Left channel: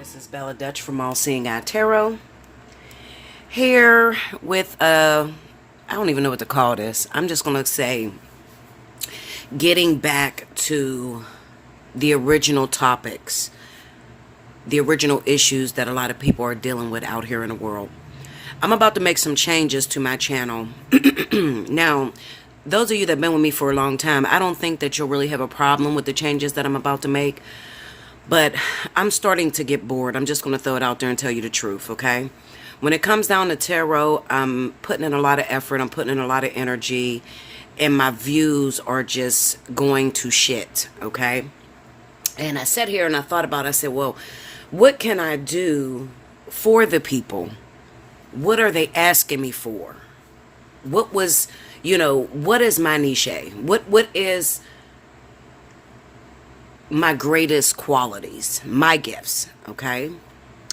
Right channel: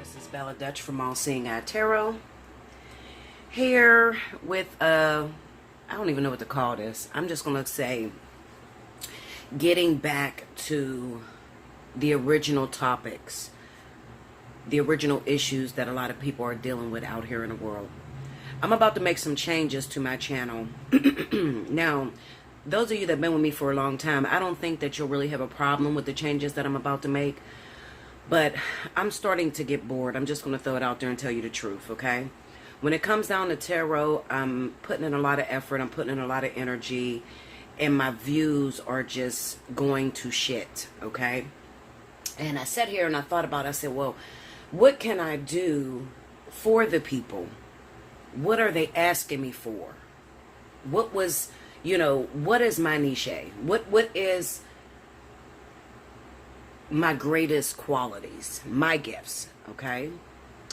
This is Bella Dutch from Allseeingeyetarot. Here with I don't even know what to call this. I'm just going to say getting back to the original topics, the original issues that a lot of people are dealing with out here in the world. I'm about to make some changes to my channel. Now, those of you that have been with me for a long time, I don't think that you'll really have a problem with the changes that I'm about to make. But I'm starting to get bored. I'm just going to throw it out there and tell you the truth, okay? When it comes down to tarot, I'm putting in a lot of effort. I'm putting in a lot of energy. And my views are just going to shit, okay? And I sat here and I thought about it. I said, well, what can I do for the people? What are they asking me for? What was, what is my niche? What is my greatest qualities, my gifts, okay?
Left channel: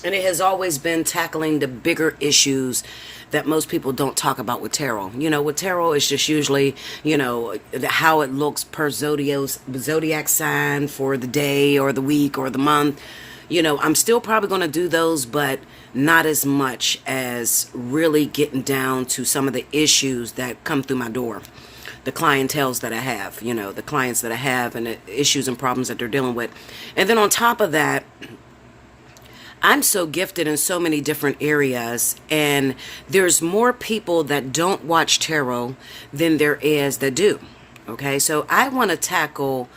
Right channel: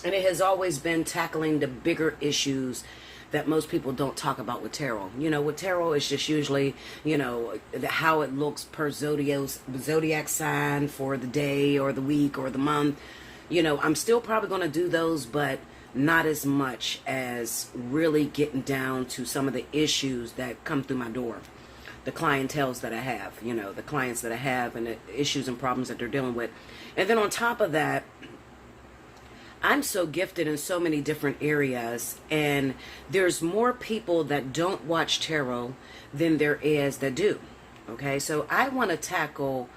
And it has always been tackling the bigger issues that most people don't talk about with tarot. With tarot, it's just usually, how it looks per zodiac sign for the day or the week or the month. I'm still probably going to do those, but not as much as really getting down to some of the issues that come through my door. The clientels that I have, the clients that I have and the issues and problems that they're dealing with. And then on top of that, I'm so gifted in so many different areas, and there's more people that don't watch tarot than there is that do. Okay, so I want to tackle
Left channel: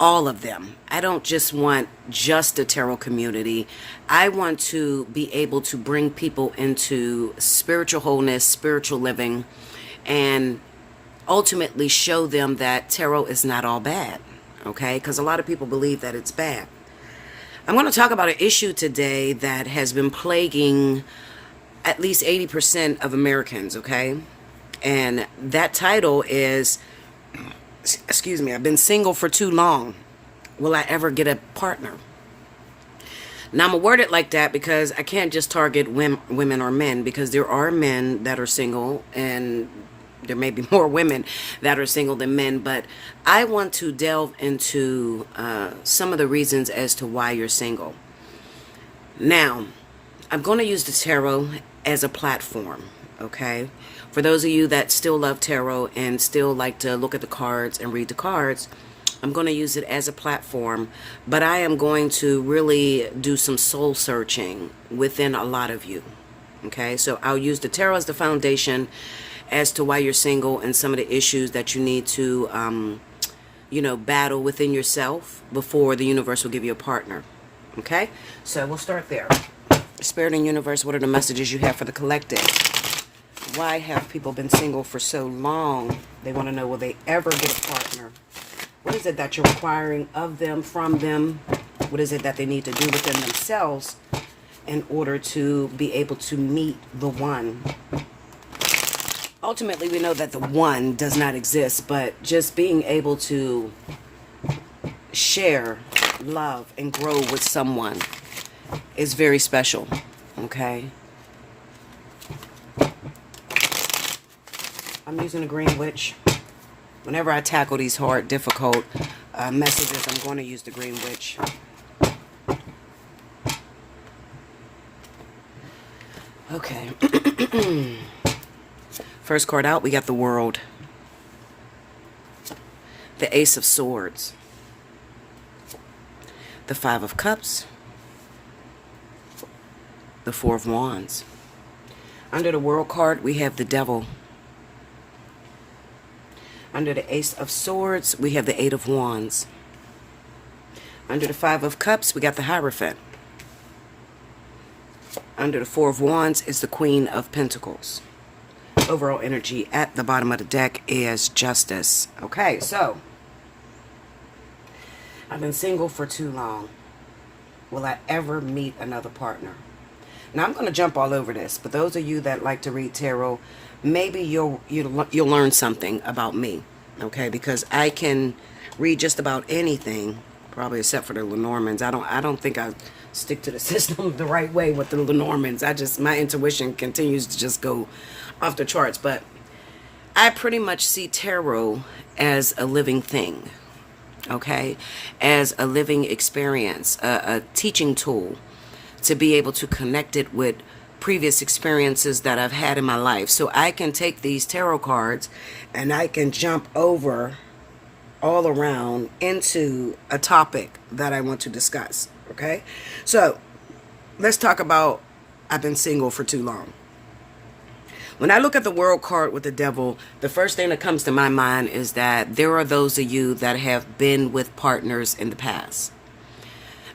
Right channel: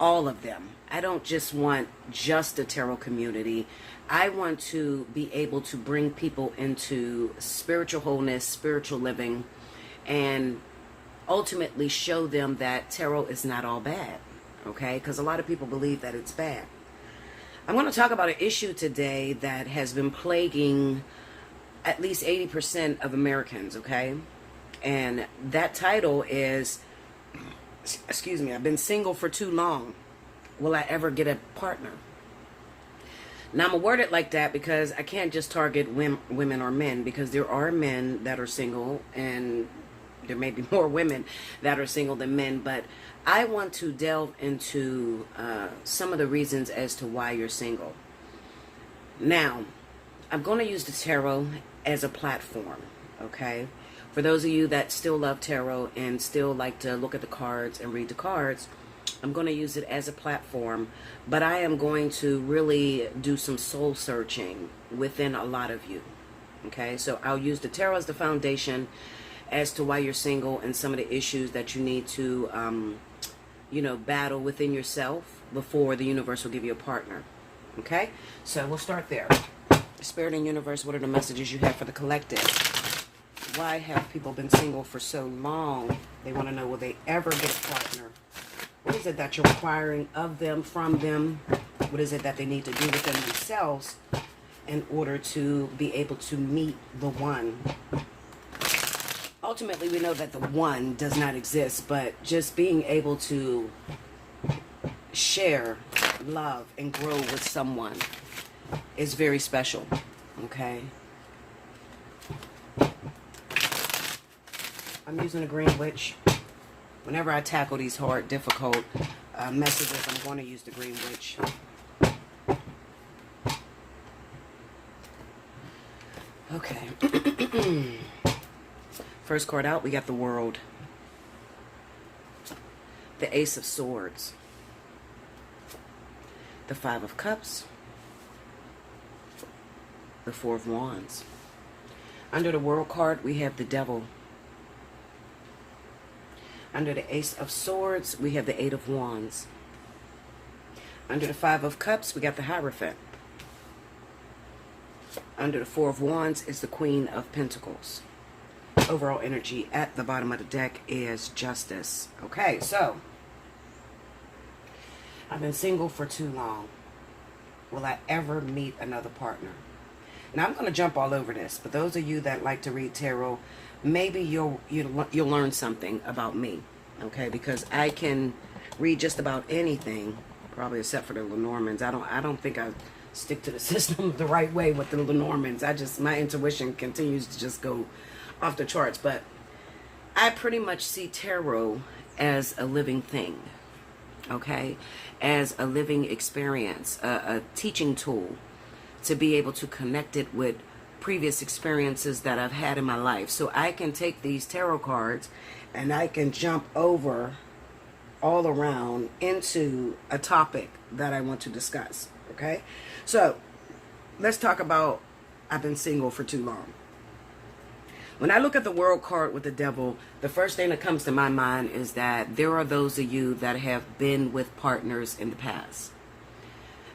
all of them. I don't just want just the tarot community. I want to be able to bring people into spiritual wholeness, spiritual living, and ultimately show them that tarot is not all bad, okay? Because a lot of people believe that it's bad. I'm going to talk about an issue today that has been plaguing at least 80% of Americans, okay? And that title is, excuse me, I've been single for too long. Will I ever get a partner? Now, I'm going to word it like that because I can't just target women or men, because there are men that are single and there may be more women that are single than men, but I want to delve into some of the reasons as to why you're single. Now, I'm going to use the tarot as a platform, okay? For those of you that still love tarot and still like to look at the cards and read the cards, I'm going to use it as a platform, but I am going to really do some soul searching within a lot of you, okay? So I'll use the tarot as the foundation as to why you're single and some of the issues that you need to, battle within yourself before the universe will give you a partner. Okay? So we'll start there. Spirit and universe, what are the messages you have for the collective? Why have people been single for so long? They want to know, will they ever get a partner? What is it that you're requiring of them, from them? What is it that they need to do within themselves in order to be able to meet the one? Ultimately, we know that the one does not exist, but just being able to share, love, and grow with someone is very special, okay? I'm using a Green Witch. Whenever I tackle these hard, difficult messages, I'm going to use the Green Witch. Okay. First card out, we got the World. The Ace of Swords. The Five of Cups. The Four of Wands. Under the World card, we have the Devil. Under the Ace of Swords, we have the Eight of Wands. Under the Five of Cups, we got the Hierophant. Under the Four of Wands is the Queen of Pentacles. Overall energy at the bottom of the deck is Justice. Okay, so I've been single for too long. Will I ever meet another partner? Now, I'm going to jump all over this, but those of you that like to read tarot, maybe you'll learn something about me, okay? Because I can read just about anything, probably except for the Lenormands. I don't think I stick to the system the right way with the Lenormands. My intuition continues to just go off the charts, but I pretty much see tarot as a living thing, okay? As a living experience, a teaching tool, to be able to connect it with previous experiences that I've had in my life. So I can take these tarot cards and I can jump over all around into a topic that I want to discuss. Okay? So let's talk about I've been single for too long. When I look at the World card with the Devil, the first thing that comes to my mind is that there are those of you that have been with partners in the past.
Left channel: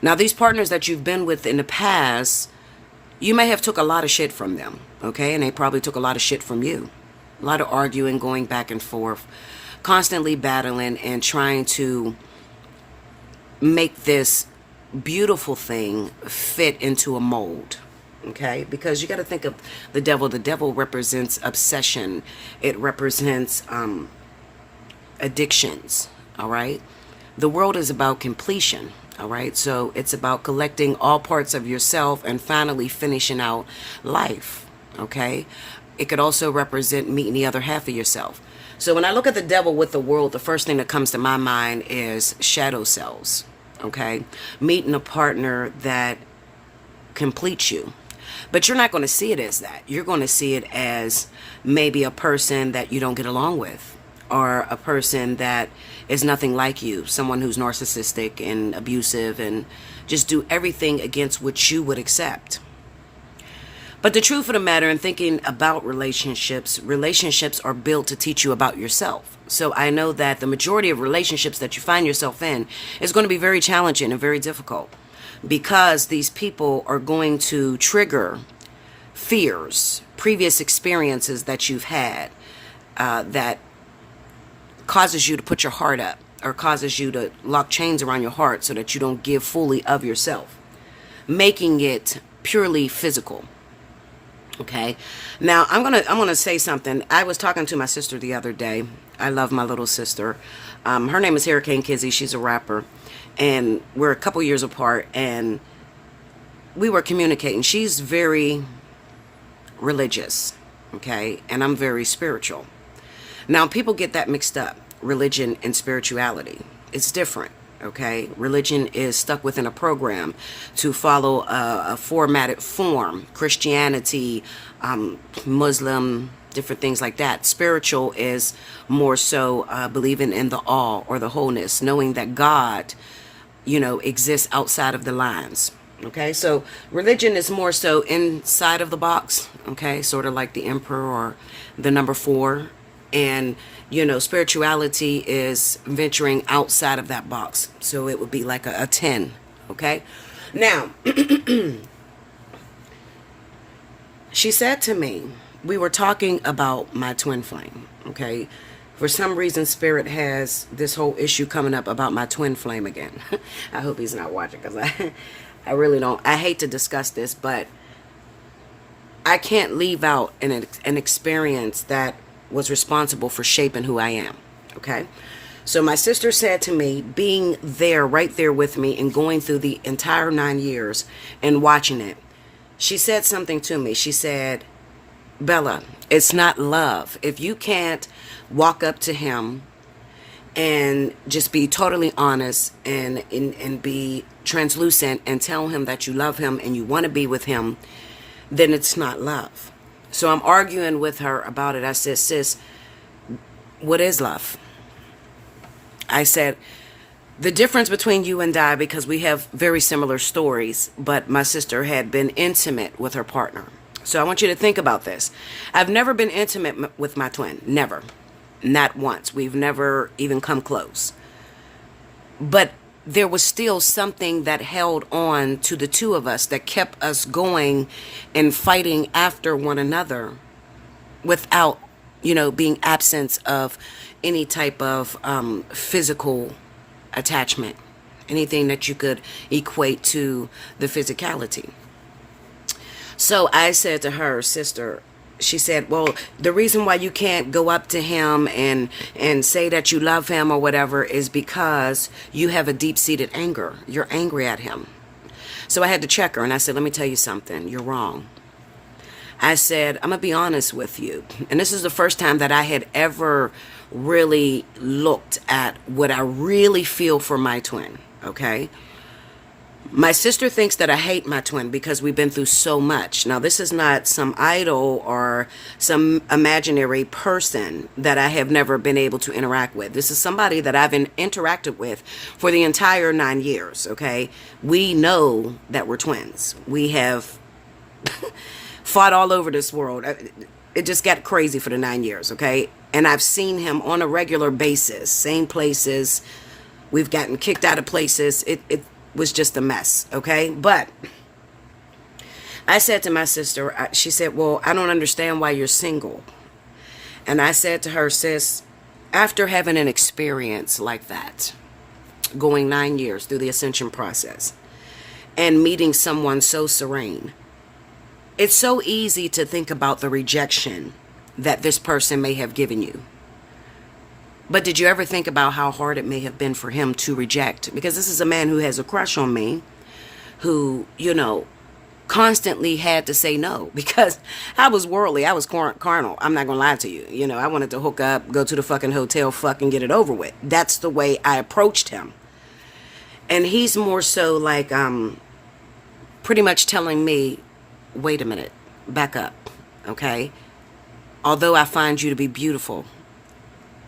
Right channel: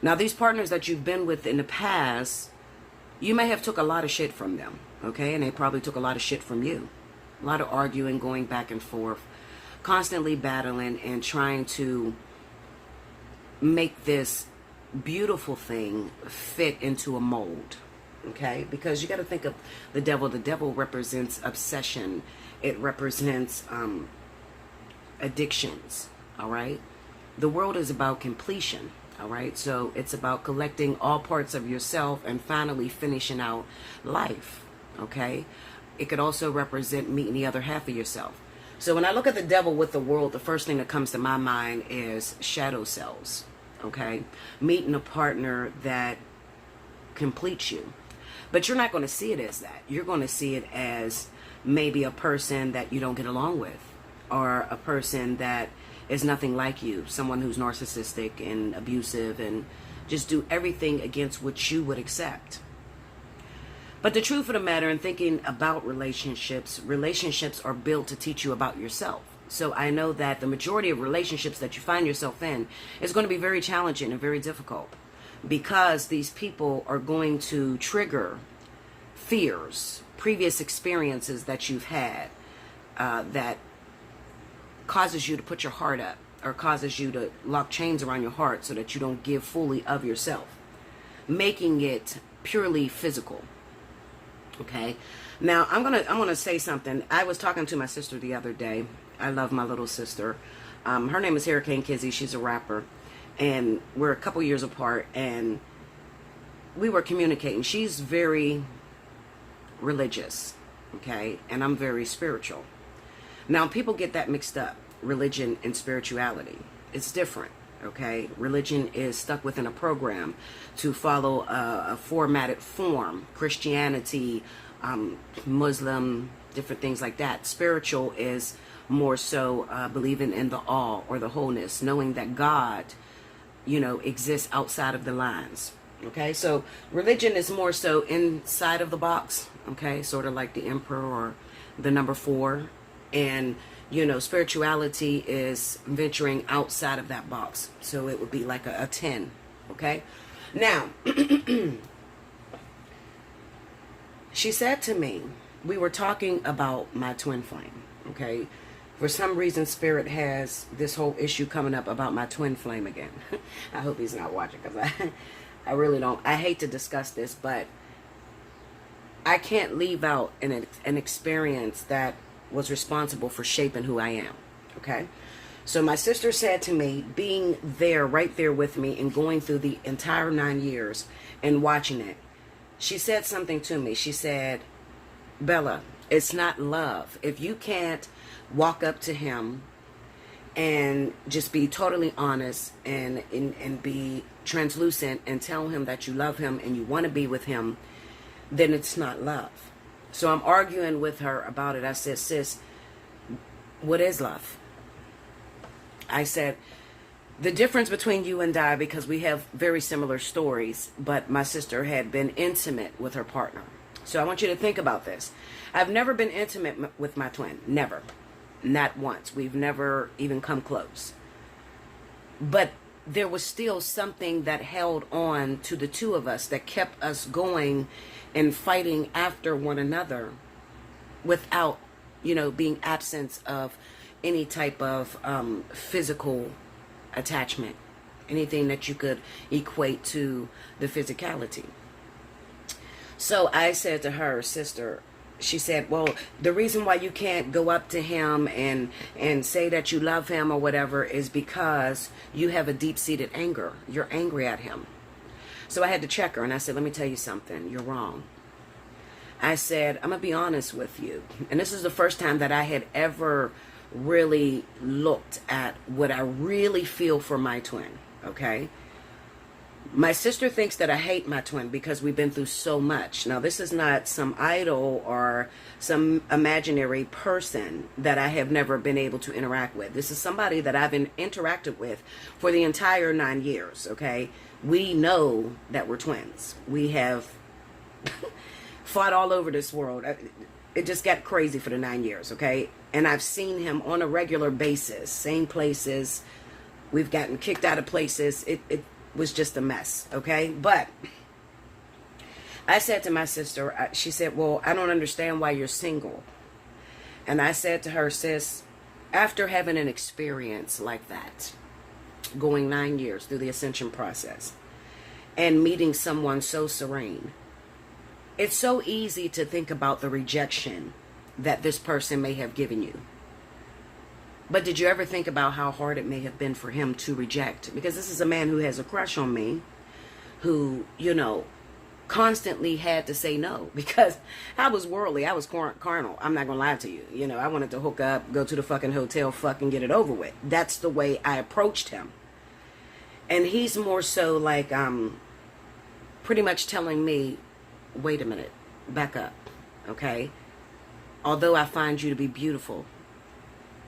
Now, these partners that you've been with in the past, you may have took a lot of shit from them, okay? And they probably took a lot of shit from you. A lot of arguing, going back and forth, constantly battling and trying to make this beautiful thing fit into a mold. Okay, because you got to think of the devil. The devil represents obsession. It represents addictions. All right. The world is about completion. All right. So it's about collecting all parts of yourself and finally finishing out life. Okay. It could also represent meeting the other half of yourself. So when I look at the devil with the world, the first thing that comes to my mind is shadow selves. Okay. Meeting a partner that completes you. But you're not going to see it as that. You're going to see it as maybe a person that you don't get along with, or a person that is nothing like you, someone who's narcissistic and abusive and just do everything against what you would accept. But the truth of the matter, in thinking about relationships are built to teach you about yourself. So I know that the majority of relationships that you find yourself in is going to be very challenging and very difficult, because these people are going to trigger fears, previous experiences that you've had, that causes you to put your heart up, or causes you to lock chains around your heart so that you don't give fully of yourself, making it purely physical. Okay. Now I'm gonna say something. I was talking to my sister the other day. I love my little sister. Her name is Hurricane Kizzy. She's a rapper. And we're a couple years apart, and we were communicating. She's very religious, okay? And I'm very spiritual. Now, people get that mixed up, religion and spirituality. It's different, okay? Religion is stuck within a program to follow a formatted form. Christianity, Muslim, different things like that. Spiritual is more so believing in the all or the wholeness, knowing that God, exists outside of the lines. Okay, so religion is more so inside of the box. Okay, sort of like the emperor or the number 4. And, spirituality is venturing outside of that box. So it would be like a 10. Okay, now, she said to me, we were talking about my twin flame. Okay. For some reason, Spirit has this whole issue coming up about my twin flame again. I hope he's not watching, because I really don't. I hate to discuss this, but I can't leave out an experience that was responsible for shaping who I am. Okay? So my sister said to me, being there, right there with me, and going through the entire 9 years and watching it, she said something to me. She said, Bella, it's not love. If you can't walk up to him and just be totally honest and be translucent and tell him that you love him and you want to be with him, then it's not love. So I'm arguing with her about it. I said, sis, what is love? I said, the difference between you and I, because we have very similar stories, but my sister had been intimate with her partner. So I want you to think about this. I've never been intimate with my twin. Never. Not once. We've never even come close. But there was still something that held on to the two of us, that kept us going and fighting after one another without, being absence of any type of physical attachment, anything that you could equate to the physicality. So I said to her, sister, she said, well, the reason why you can't go up to him and say that you love him or whatever is because you have a deep-seated anger. You're angry at him. So I had to check her, and I said, let me tell you something. You're wrong. I said, I'm going to be honest with you. And this is the first time that I had ever really looked at what I really feel for my twin, okay? My sister thinks that I hate my twin because we've been through so much. Now, this is not some idol or some imaginary person that I have never been able to interact with. This is somebody that I've interacted with for the entire 9 years, okay? We know that we're twins. We have fought all over this world. It just got crazy for the 9 years, okay? And I've seen him on a regular basis, same places. We've gotten kicked out of places. It was just a mess, okay? But I said to my sister, she said, well, I don't understand why you're single. And I said to her, sis, after having an experience like that, going 9 years through the ascension process and meeting someone so serene, it's so easy to think about the rejection that this person may have given you. But did you ever think about how hard it may have been for him to reject? Because this is a man who has a crush on me, who, constantly had to say no. Because I was worldly, I was carnal. I'm not going to lie to you. I wanted to hook up, go to the fucking hotel, fuck, and get it over with. That's the way I approached him. And he's more so like pretty much telling me, wait a minute, back up, okay? Although I find you to be beautiful,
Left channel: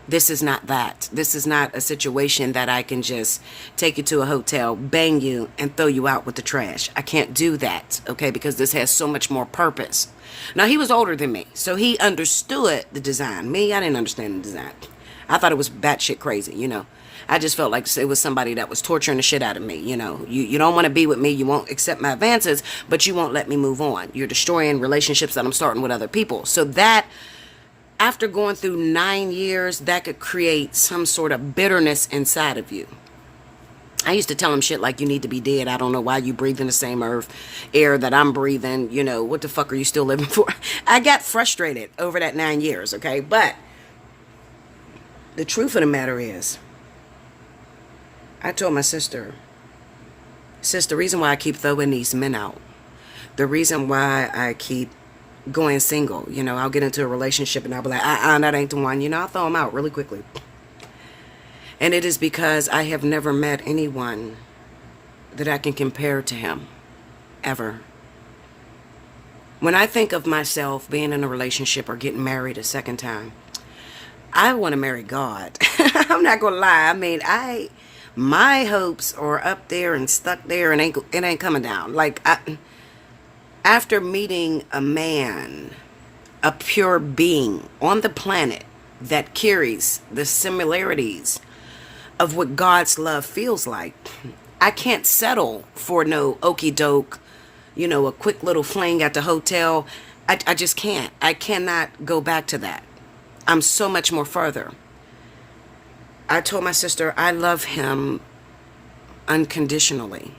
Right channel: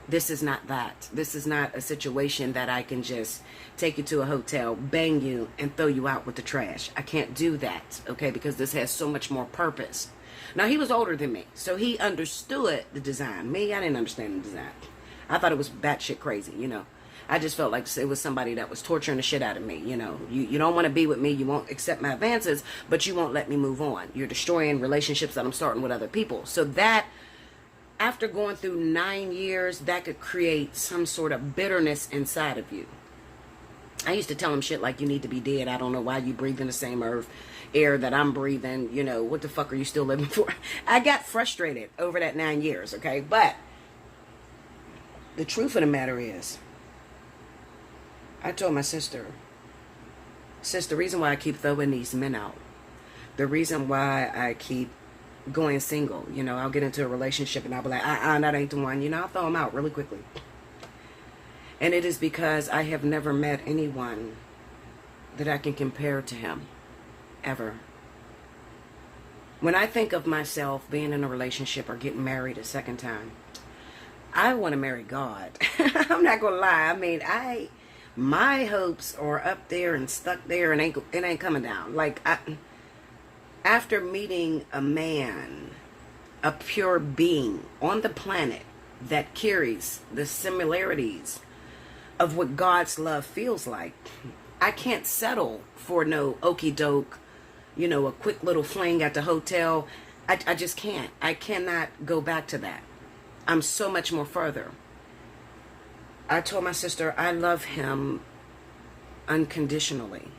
this is not that. This is not a situation that I can just take you to a hotel, bang you, and throw you out with the trash. I can't do that, okay, because this has so much more purpose. Now, he was older than me, so he understood the design. Me, I didn't understand the design. I thought it was batshit crazy, I just felt like it was somebody that was torturing the shit out of me, You don't want to be with me. You won't accept my advances, but you won't let me move on. You're destroying relationships that I'm starting with other people. So that, after going through 9 years, that could create some sort of bitterness inside of you. I used to tell him shit like, you need to be dead. I don't know why you breathe in the same air that I'm breathing. What the fuck are you still living for? I got frustrated over that 9 years, okay? But the truth of the matter is, I told my sister, the reason why I keep throwing these men out, the reason why I keep going single, I'll get into a relationship and I'll be like, that ain't the one, I'll throw them out really quickly. And it is because I have never met anyone that I can compare to him, ever. When I think of myself being in a relationship or getting married a second time, I want to marry God. I'm not going to lie. I mean, my hopes are up there and stuck there, and it ain't coming down. Like, after meeting a man, a pure being on the planet that carries the similarities of what God's love feels like, I can't settle for no okie doke, a quick little fling at the hotel. I just can't. I cannot go back to that. I'm so much more further. I told my sister I love him unconditionally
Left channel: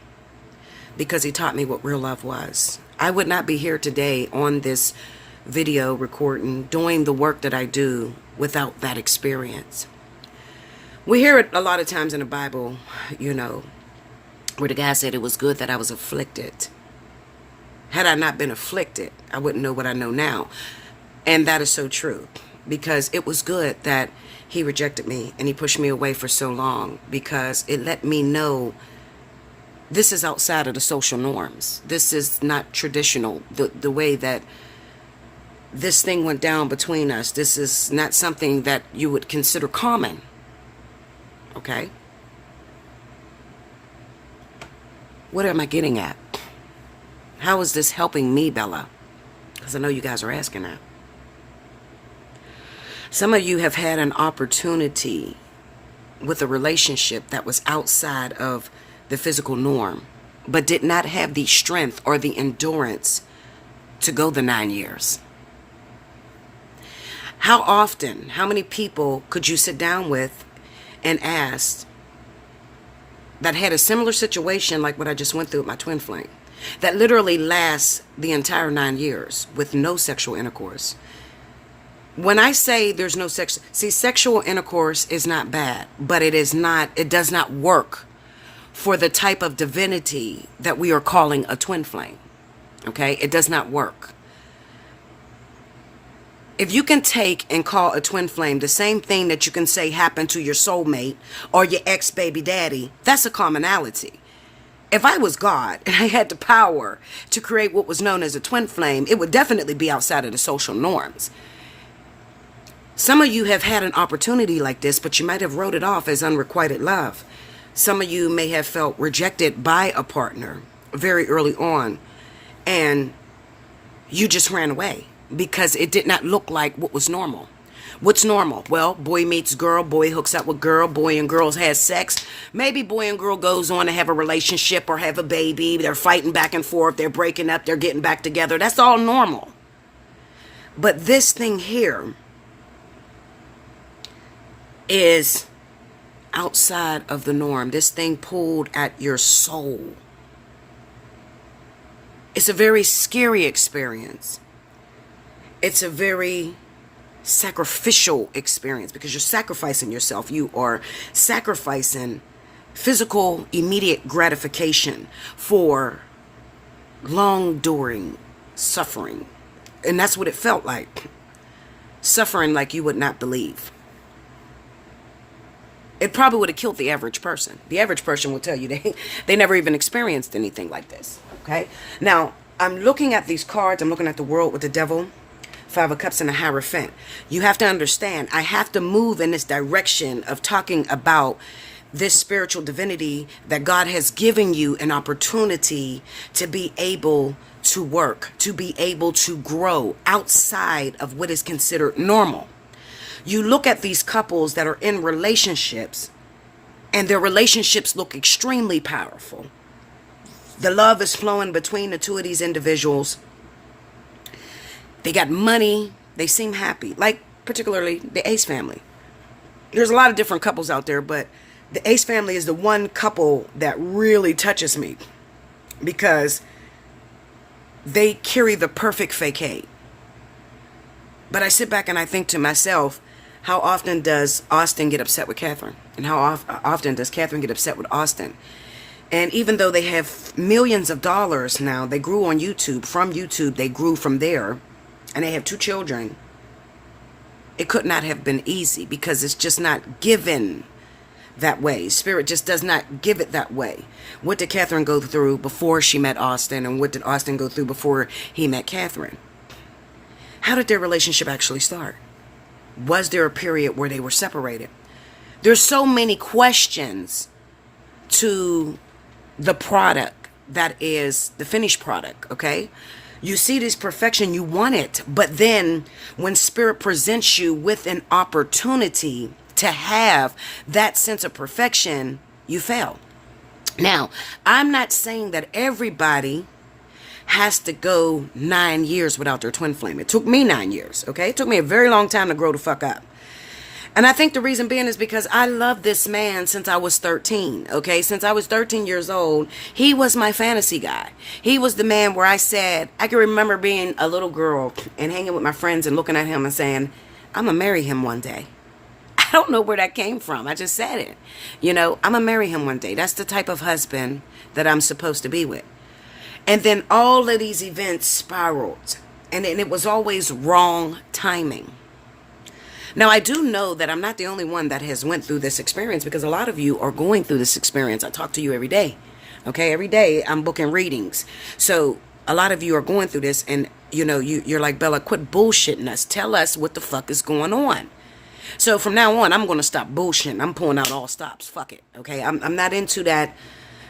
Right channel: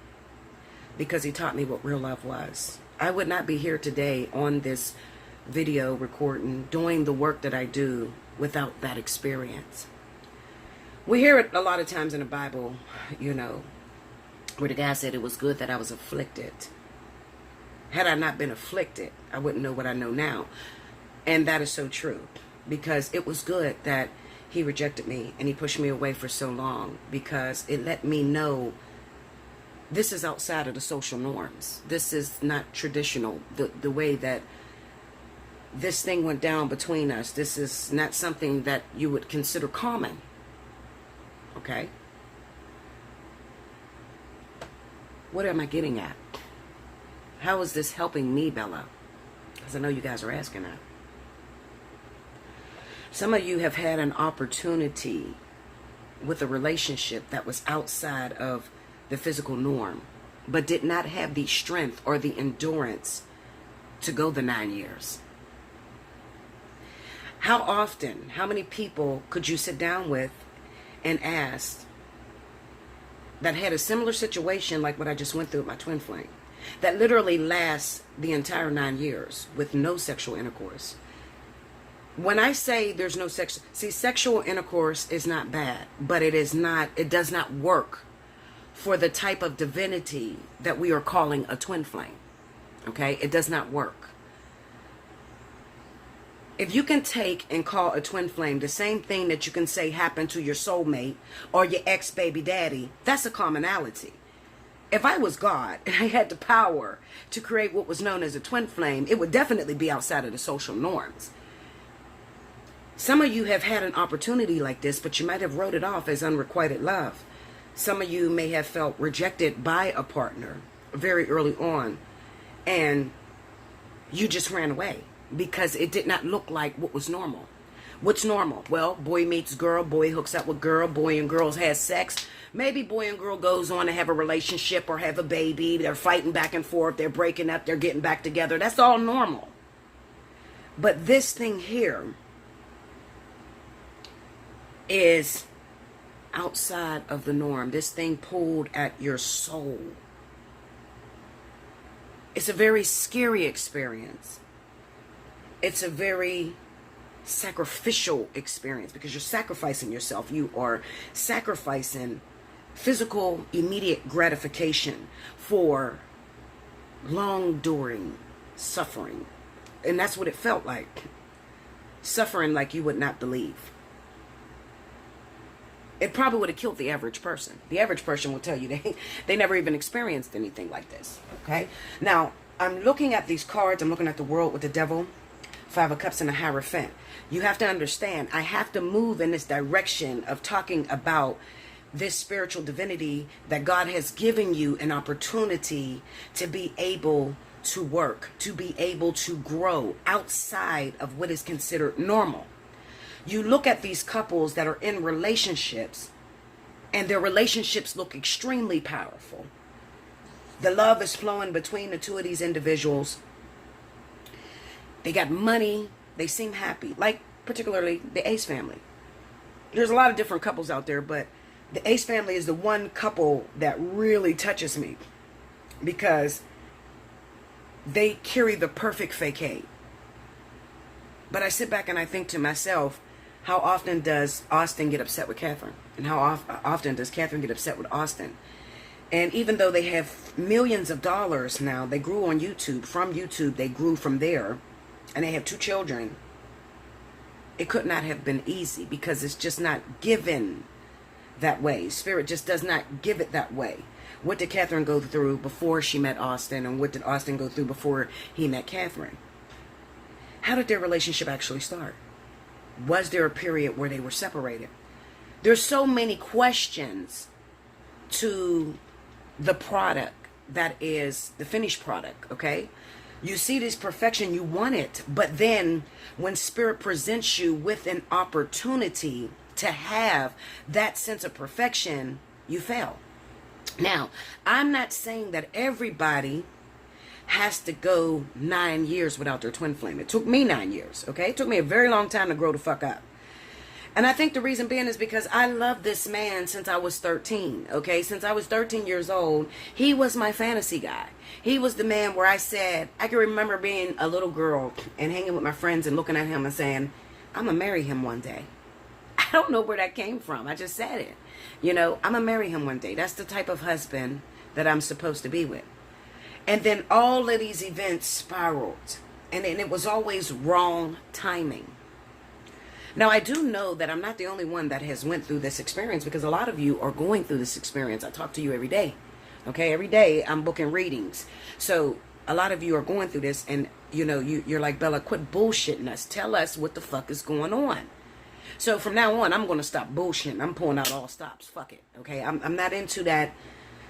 because he taught me what real love was. I would not be here today on this video recording, doing the work that I do without that experience. We hear it a lot of times in the Bible, where the guy said it was good that I was afflicted. Had I not been afflicted, I wouldn't know what I know now. And that is so true, because it was good that he rejected me and he pushed me away for so long, because it let me know this is outside of the social norms. This is not traditional. The way that this thing went down between us, this is not something that you would consider common. Okay? What am I getting at? How is this helping me, Bella? Because I know you guys are asking that. Some of you have had an opportunity with a relationship that was outside of the physical norm, but did not have the strength or the endurance to go the 9 years. How often, how many people could you sit down with and ask that had a similar situation like what I just went through with my twin flame, that literally lasts the entire 9 years with no sexual intercourse? When I say there's no sex, see, sexual intercourse is not bad, but it does not work for the type of divinity that we are calling a twin flame. Okay? It does not work. If you can take and call a twin flame the same thing that you can say happened to your soulmate or your ex-baby daddy, that's a commonality. If I was God and I had the power to create what was known as a twin flame, it would definitely be outside of the social norms. Some of you have had an opportunity like this, but you might have wrote it off as unrequited love. Some of you may have felt rejected by a partner very early on, and you just ran away because it did not look like what was normal. What's normal? Well, boy meets girl, boy hooks up with girl, boy and girls has sex. Maybe boy and girl goes on to have a relationship or have a baby. They're fighting back and forth. They're breaking up. They're getting back together. That's all normal. But this thing here is outside of the norm. This thing pulled at your soul. It's a very scary experience. It's a very sacrificial experience because you're sacrificing yourself. You are sacrificing physical, immediate gratification for long-enduring suffering. And that's what it felt like. Suffering like you would not believe. It probably would have killed the average person. The average person will tell you they never even experienced anything like this. Okay? Now, I'm looking at these cards. I'm looking at the world with the devil, 5 of Cups and a Hierophant. You have to understand, I have to move in this direction of talking about this spiritual divinity that God has given you an opportunity to be able to work, to be able to grow outside of what is considered normal. You look at these couples that are in relationships, and their relationships look extremely powerful. The love is flowing between the two of these individuals. They got money. They seem happy. Like, particularly the Ace family. There's a lot of different couples out there, but the Ace family is the one couple that really touches me because they carry the perfect facade. But I sit back and I think to myself, how often does Austin get upset with Catherine? And how often does Catherine get upset with Austin? And even though they have millions of dollars now, they grew on YouTube. From YouTube, they grew from there. And they have 2 children. It could not have been easy because it's just not given that way. Spirit just does not give it that way. What did Catherine go through before she met Austin? And what did Austin go through before he met Catherine? How did their relationship actually start? Was there a period where they were separated? There's so many questions to the product that is the finished product, okay? You see this perfection, you want it, but then when Spirit presents you with an opportunity to have that sense of perfection, you fail. Now, I'm not saying that everybody has to go 9 years without their twin flame. It took me 9 years, okay? It took me a very long time to grow the fuck up. And I think the reason being is because I love this man since I was 13, okay? Since I was 13 years old, he was my fantasy guy. He was the man where I said, I can remember being a little girl and hanging with my friends and looking at him and saying, I'm going to marry him one day. I don't know where that came from. I just said it. You know, I'm going to marry him one day. That's the type of husband that I'm supposed to be with. And then all of these events spiraled. And it was always wrong timing. Now, I do know that I'm not the only one that has went through this experience because a lot of you are going through this experience. I talk to you every day. Okay, every day I'm booking readings. So a lot of you are going through this and, you know, you're like, Bella, quit bullshitting us. Tell us what the fuck is going on. So from now on, I'm going to stop bullshitting. I'm pulling out all stops. Fuck it. Okay, I'm not into that.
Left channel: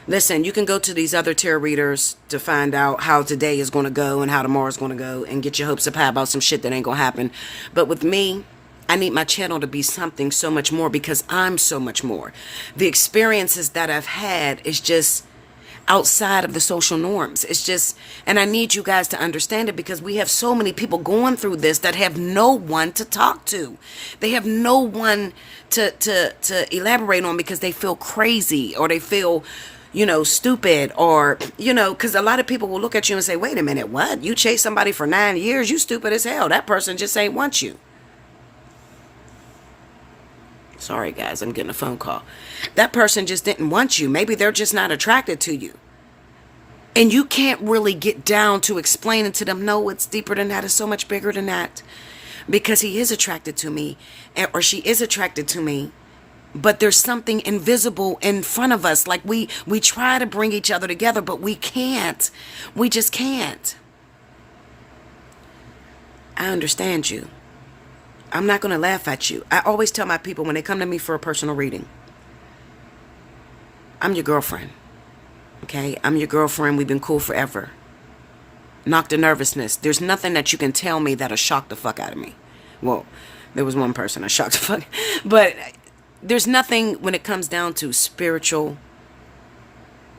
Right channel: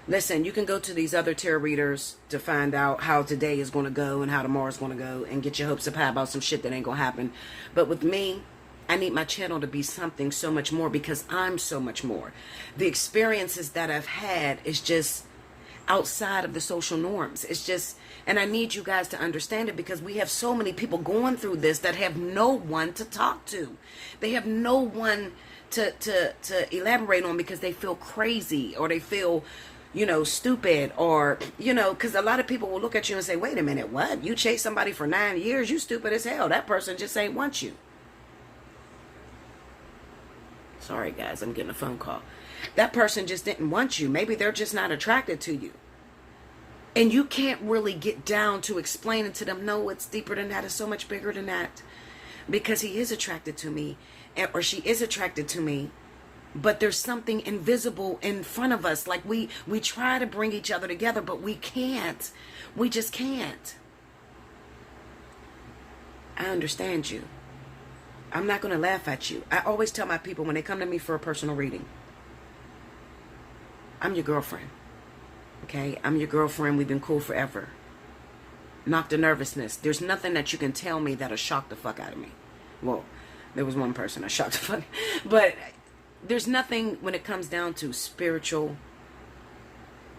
Listen, you can go to these other tarot readers to find out how today is going to go and how tomorrow is going to go and get your hopes up high about some shit that ain't going to happen. But with me, I need my channel to be something so much more because I'm so much more. The experiences that I've had is just outside of the social norms. It's just, and I need you guys to understand it because we have so many people going through this that have no one to talk to. They have no one to elaborate on because they feel crazy or they feel, you know, stupid or, you know, because a lot of people will look at you and say, wait a minute, what? You chased somebody for 9 years? You stupid as hell. That person just ain't want you. Sorry, guys, I'm getting a phone call. That person just didn't want you. Maybe they're just not attracted to you. And you can't really get down to explaining to them, no, it's deeper than that. It's so much bigger than that. Because he is attracted to me, or she is attracted to me. but there's something invisible in front of us. Like we try to bring each other together, but we can't. We just can't. I understand you. I'm not going to laugh at you. I always tell my people when they come to me for a personal reading, I'm your girlfriend. Okay? I'm your girlfriend. We've been cool forever. Knock the nervousness. There's nothing that you can tell me that'll shock the fuck out of me. Well, there was one person I shocked the fuck. But there's nothing when it comes down to spiritual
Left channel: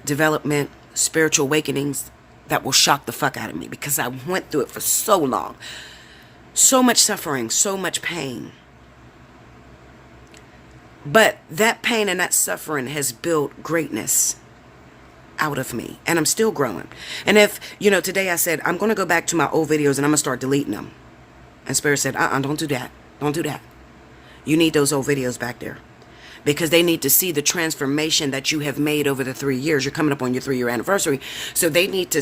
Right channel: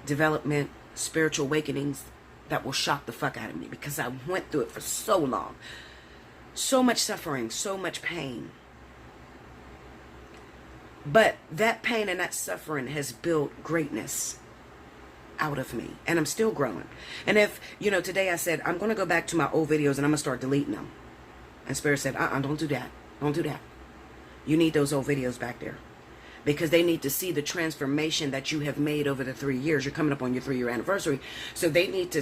development, spiritual awakenings that will shock the fuck out of me, because I went through it for so long. So much suffering, so much pain. But that pain and that suffering has built greatness out of me. And I'm still growing. And if, today I said, I'm going to go back to my old videos and I'm going to start deleting them. And Spirit said, don't do that. Don't do that. You need those old videos back there. Because they need to see the transformation that you have made over the 3 years. You're coming up on your 3-year anniversary. So they need to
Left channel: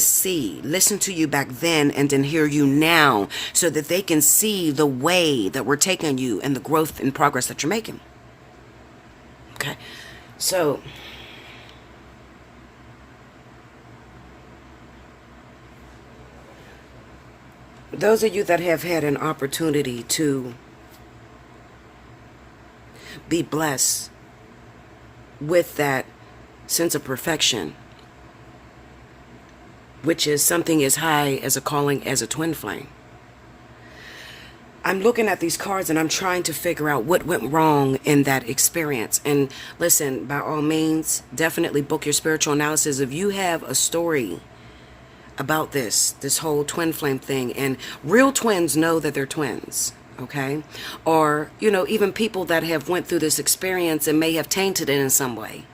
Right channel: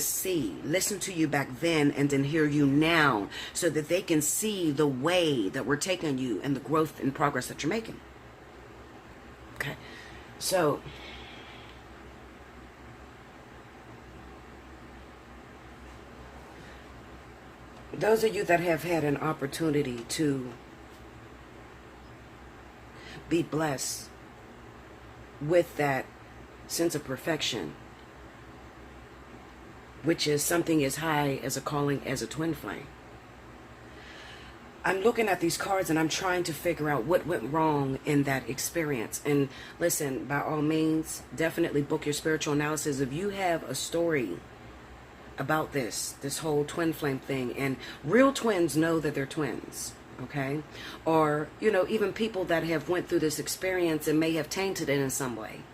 listen to you back then and then hear you now, so that they can see the way that we're taking you and the growth and progress that you're making. Okay. So those of you that have had an opportunity to be blessed with that sense of perfection, which is something as high as a calling as a twin flame. I'm looking at these cards and I'm trying to figure out what went wrong in that experience. And listen, by all means, definitely book your spiritual analysis. If you have a story about this whole twin flame thing, and real twins know that they're twins. Okay? Or, even people that have went through this experience and may have tainted it in some way.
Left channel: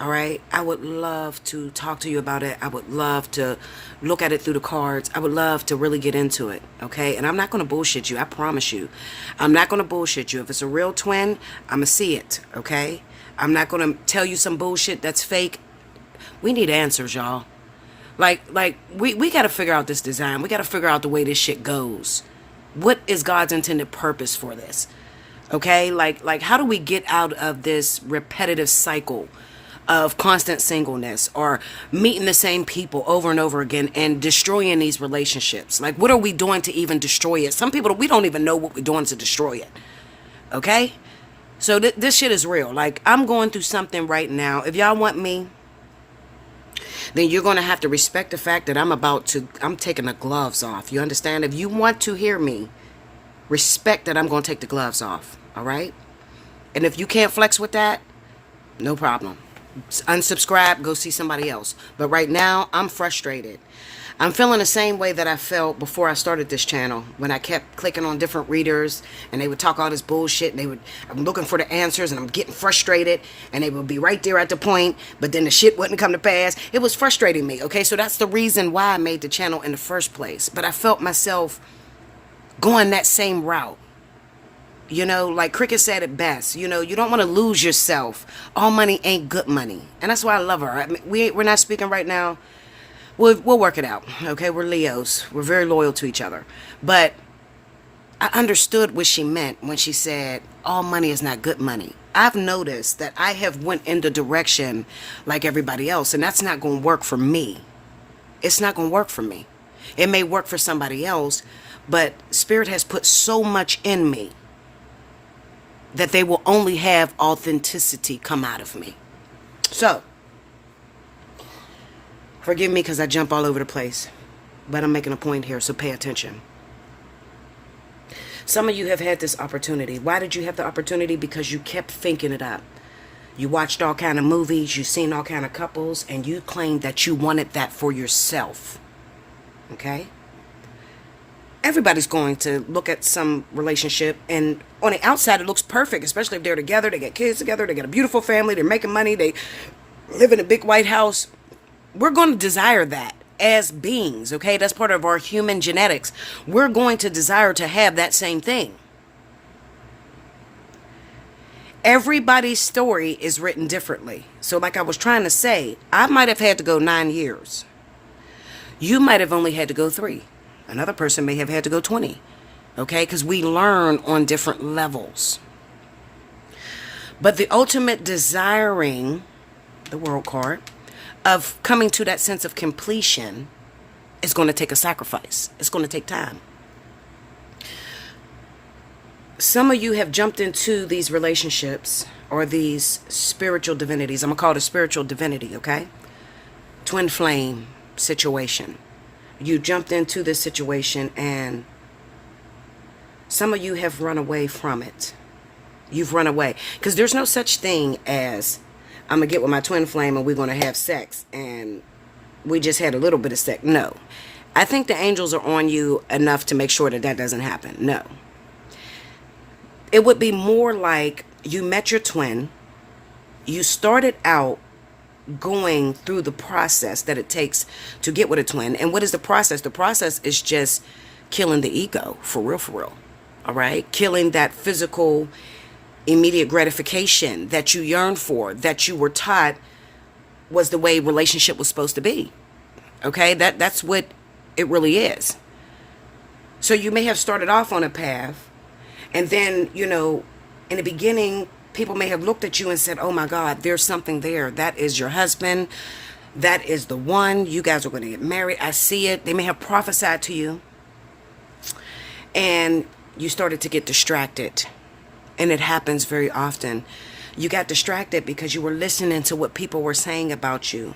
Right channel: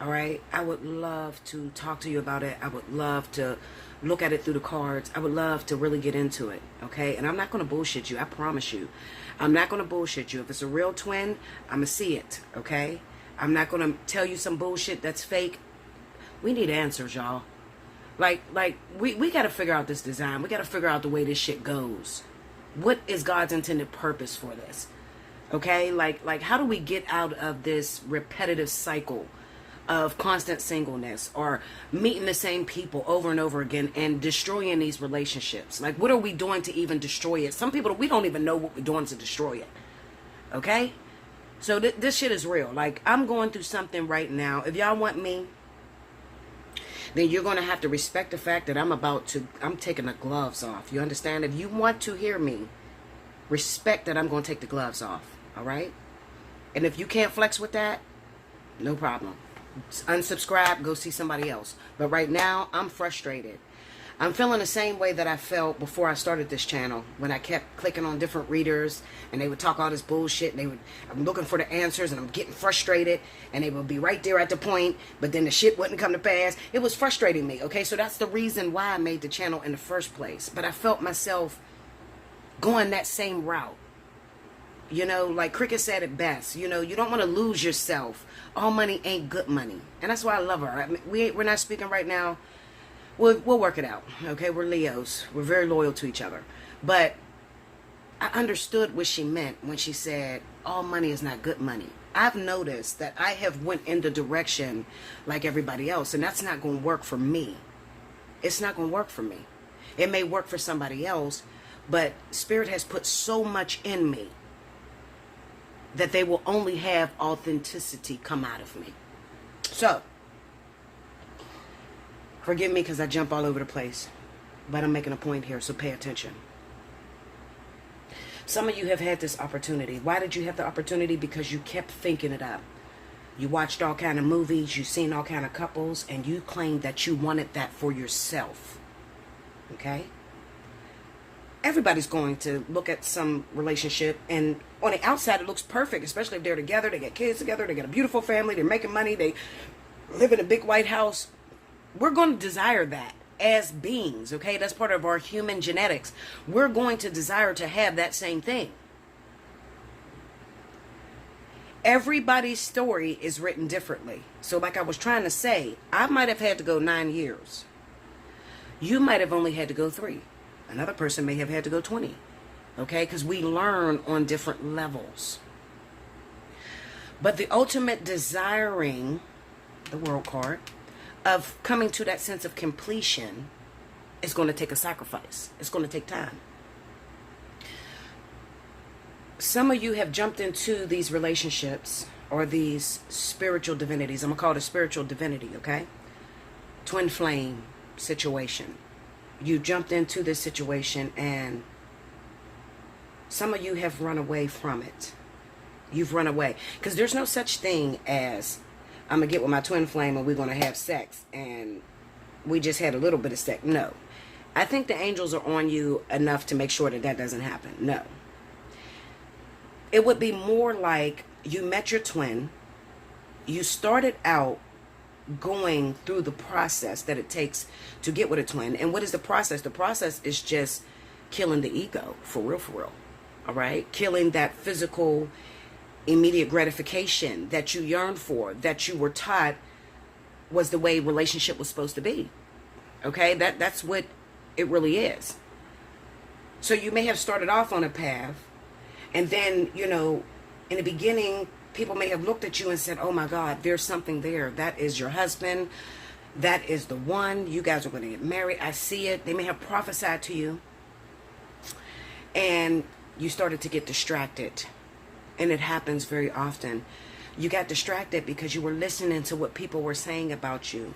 All right? I would love to talk to you about it. I would love to look at it through the cards. I would love to really get into it. Okay? And I'm not going to bullshit you. I promise you. I'm not going to bullshit you. If it's a real twin, I'm going to see it. Okay? I'm not going to tell you some bullshit that's fake. We need answers, y'all. Like we got to figure out this design. We got to figure out the way this shit goes. What is God's intended purpose for this? Okay? Like how do we get out of this repetitive cycle of constant singleness, or meeting the same people over and over again and destroying these relationships? Like, what are we doing to even destroy it? Some people, we don't even know what we're doing to destroy it. Okay? So this shit is real. Like, I'm going through something right now. If y'all want me, then you're going to have to respect the fact that I'm taking the gloves off. You understand? If you want to hear me, respect that I'm going to take the gloves off. All right? And if you can't flex with that, no problem. Unsubscribe, go see somebody else. But right now, I'm frustrated. I'm feeling the same way that I felt before I started this channel, when I kept clicking on different readers and they would talk all this bullshit, and I'm looking for the answers and I'm getting frustrated, and they would be right there at the point, but then the shit wouldn't come to pass. It was frustrating me. Okay, so that's the reason why I made the channel in the first place. But I felt myself going that same route. Like Cricket said it best, you don't want to lose yourself. All money ain't good money. And that's why I love her. I mean, we're not speaking right now. We'll work it out. Okay, we're Leos. We're very loyal to each other. But I understood what she meant when she said, all money is not good money. I've noticed that I have went in the direction like everybody else, and that's not going to work for me. It's not going to work for me. It may work for somebody else, but Spirit has put so much in me that they will only have authenticity come out of me. So, forgive me because I jump all over the place, but I'm making a point here, so pay attention. Some of you have had this opportunity. Why did you have the opportunity? Because you kept thinking it up. You watched all kind of movies, you seen all kind of couples, and you claimed that you wanted that for yourself. Okay? Everybody's going to look at some relationship, and on the outside it looks perfect, especially if they're together, they get kids together, they get a beautiful family, they're making money, they live in a big white house. We're going to desire that as beings, okay? That's part of our human genetics. We're going to desire to have that same thing. Everybody's story is written differently. So like I was trying to say, I might have had to go 9 years. You might have only had to go 3. Another person may have had to go 20. Okay? Because we learn on different levels. But the ultimate desiring, the world card, of coming to that sense of completion is going to take a sacrifice. It's going to take time. Some of you have jumped into these relationships or these spiritual divinities. I'm going to call it a spiritual divinity, okay? Twin flame situation. You jumped into this situation and some of you have run away from it. You've run away. Because there's no such thing as, I'm going to get with my twin flame and we're going to have sex and we just had a little bit of sex. No. I think the angels are on you enough to make sure that that doesn't happen. No. It would be more like you met your twin. You started out going through the process that it takes to get with a twin. And what is the process? The process is just killing the ego, for real, for real. All right? Killing that physical immediate gratification that you yearn for, that you were taught was the way relationship was supposed to be. Okay? That's what it really is. So you may have started off on a path, and then, you know, in the beginning, people may have looked at you and said, oh my God, there's something there. That is your husband. That is the one. You guys are going to get married. I see it. They may have prophesied to you. And you started to get distracted. And it happens very often. You got distracted because you were listening to what people were saying about you.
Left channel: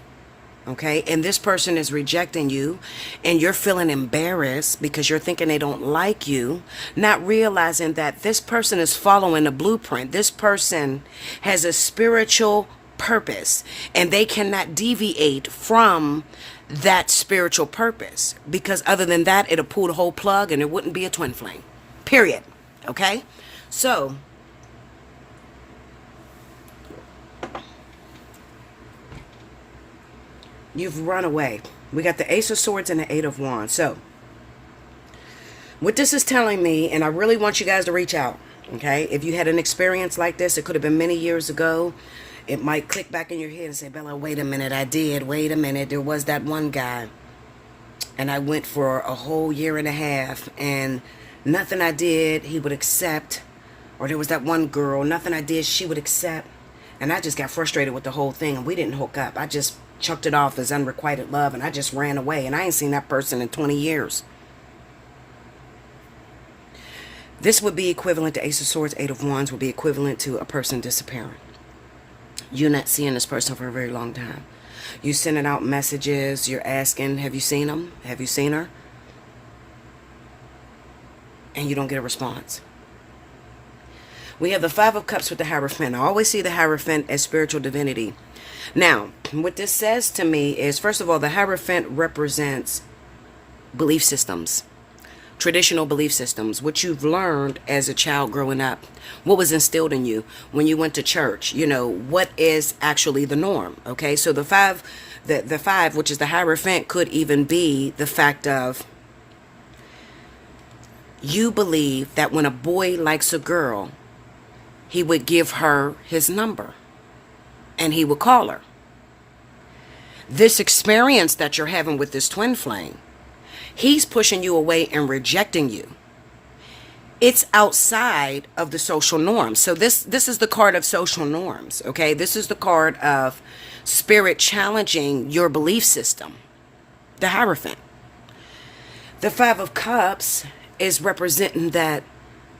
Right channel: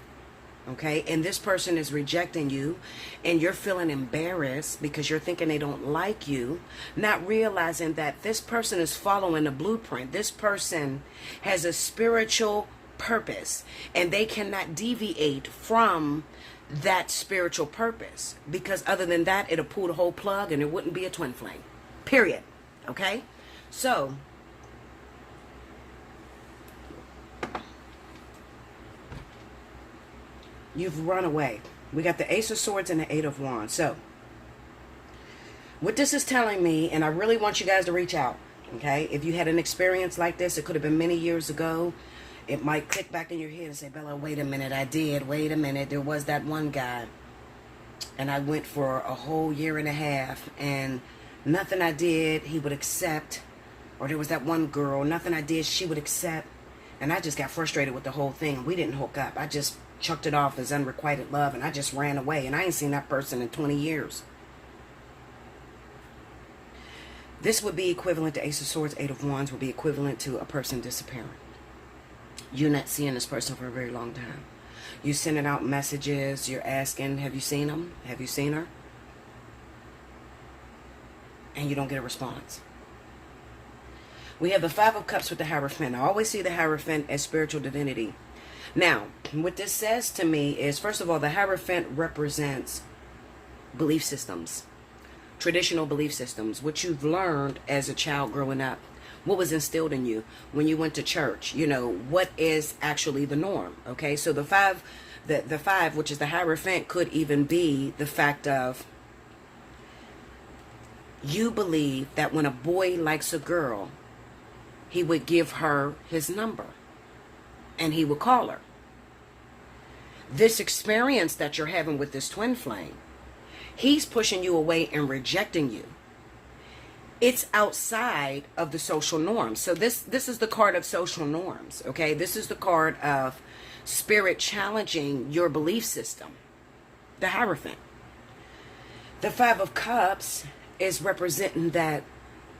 Okay? And this person is rejecting you. And you're feeling embarrassed because you're thinking they don't like you. Not realizing that this person is following a blueprint. This person has a spiritual purpose. And they cannot deviate from that spiritual purpose. Because other than that, it'll pull the whole plug and it wouldn't be a twin flame. Period. Okay? So you've run away. We got the Ace of Swords and the Eight of Wands. So what this is telling me, and I really want you guys to reach out, okay? If you had an experience like this, it could have been many years ago. It might click back in your head and say, Bella, wait a minute, I did. Wait a minute, there was that one guy. And I went for a whole year and a half, and nothing I did, he would accept. Or there was that one girl, nothing I did, she would accept. And I just got frustrated with the whole thing, and we didn't hook up. I just chucked it off as unrequited love, and I just ran away, and I ain't seen that person in 20 years. This would be equivalent to Ace of Swords, Eight of Wands, would be equivalent to a person disappearing. You're not seeing this person for a very long time. You're sending out messages, you're asking, have you seen him? Have you seen her? And you don't get a response. We have the Five of Cups with the Hierophant. I always see the Hierophant as spiritual divinity. Now, what this says to me is, first of all, the Hierophant represents belief systems, traditional belief systems, what you've learned as a child growing up, what was instilled in you when you went to church, you know, what is actually the norm, okay? So the five, which is the Hierophant, could even be the fact of you believe that when a boy likes a girl, he would give her his number and he would call her. This experience that you're having with this twin flame, he's pushing you away and rejecting you. It's outside of the social norms. So this is the card of social norms, okay? This is the card of spirit challenging your belief system, the Hierophant. The Five of Cups is representing that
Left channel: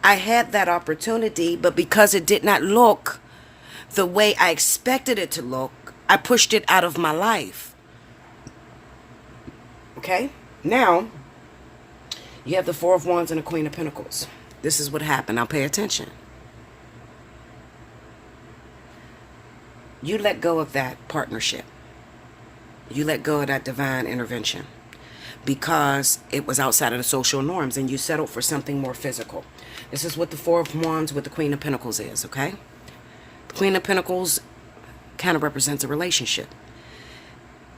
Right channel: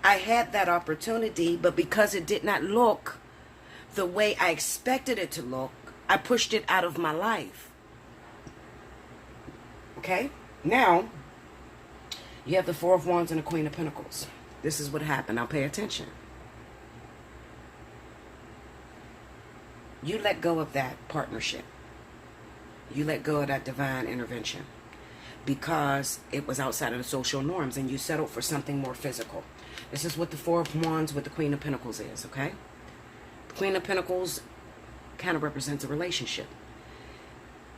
I had that opportunity, but because it did not look the way I expected it to look, I pushed it out of my life. Okay? Now, you have the Four of Wands and the Queen of Pentacles. This is what happened. Now pay attention. You let go of that partnership. You let go of that divine intervention because it was outside of the social norms and you settled for something more physical. This is what the Four of Wands with the Queen of Pentacles is, okay? The Queen of Pentacles kind of represents a relationship.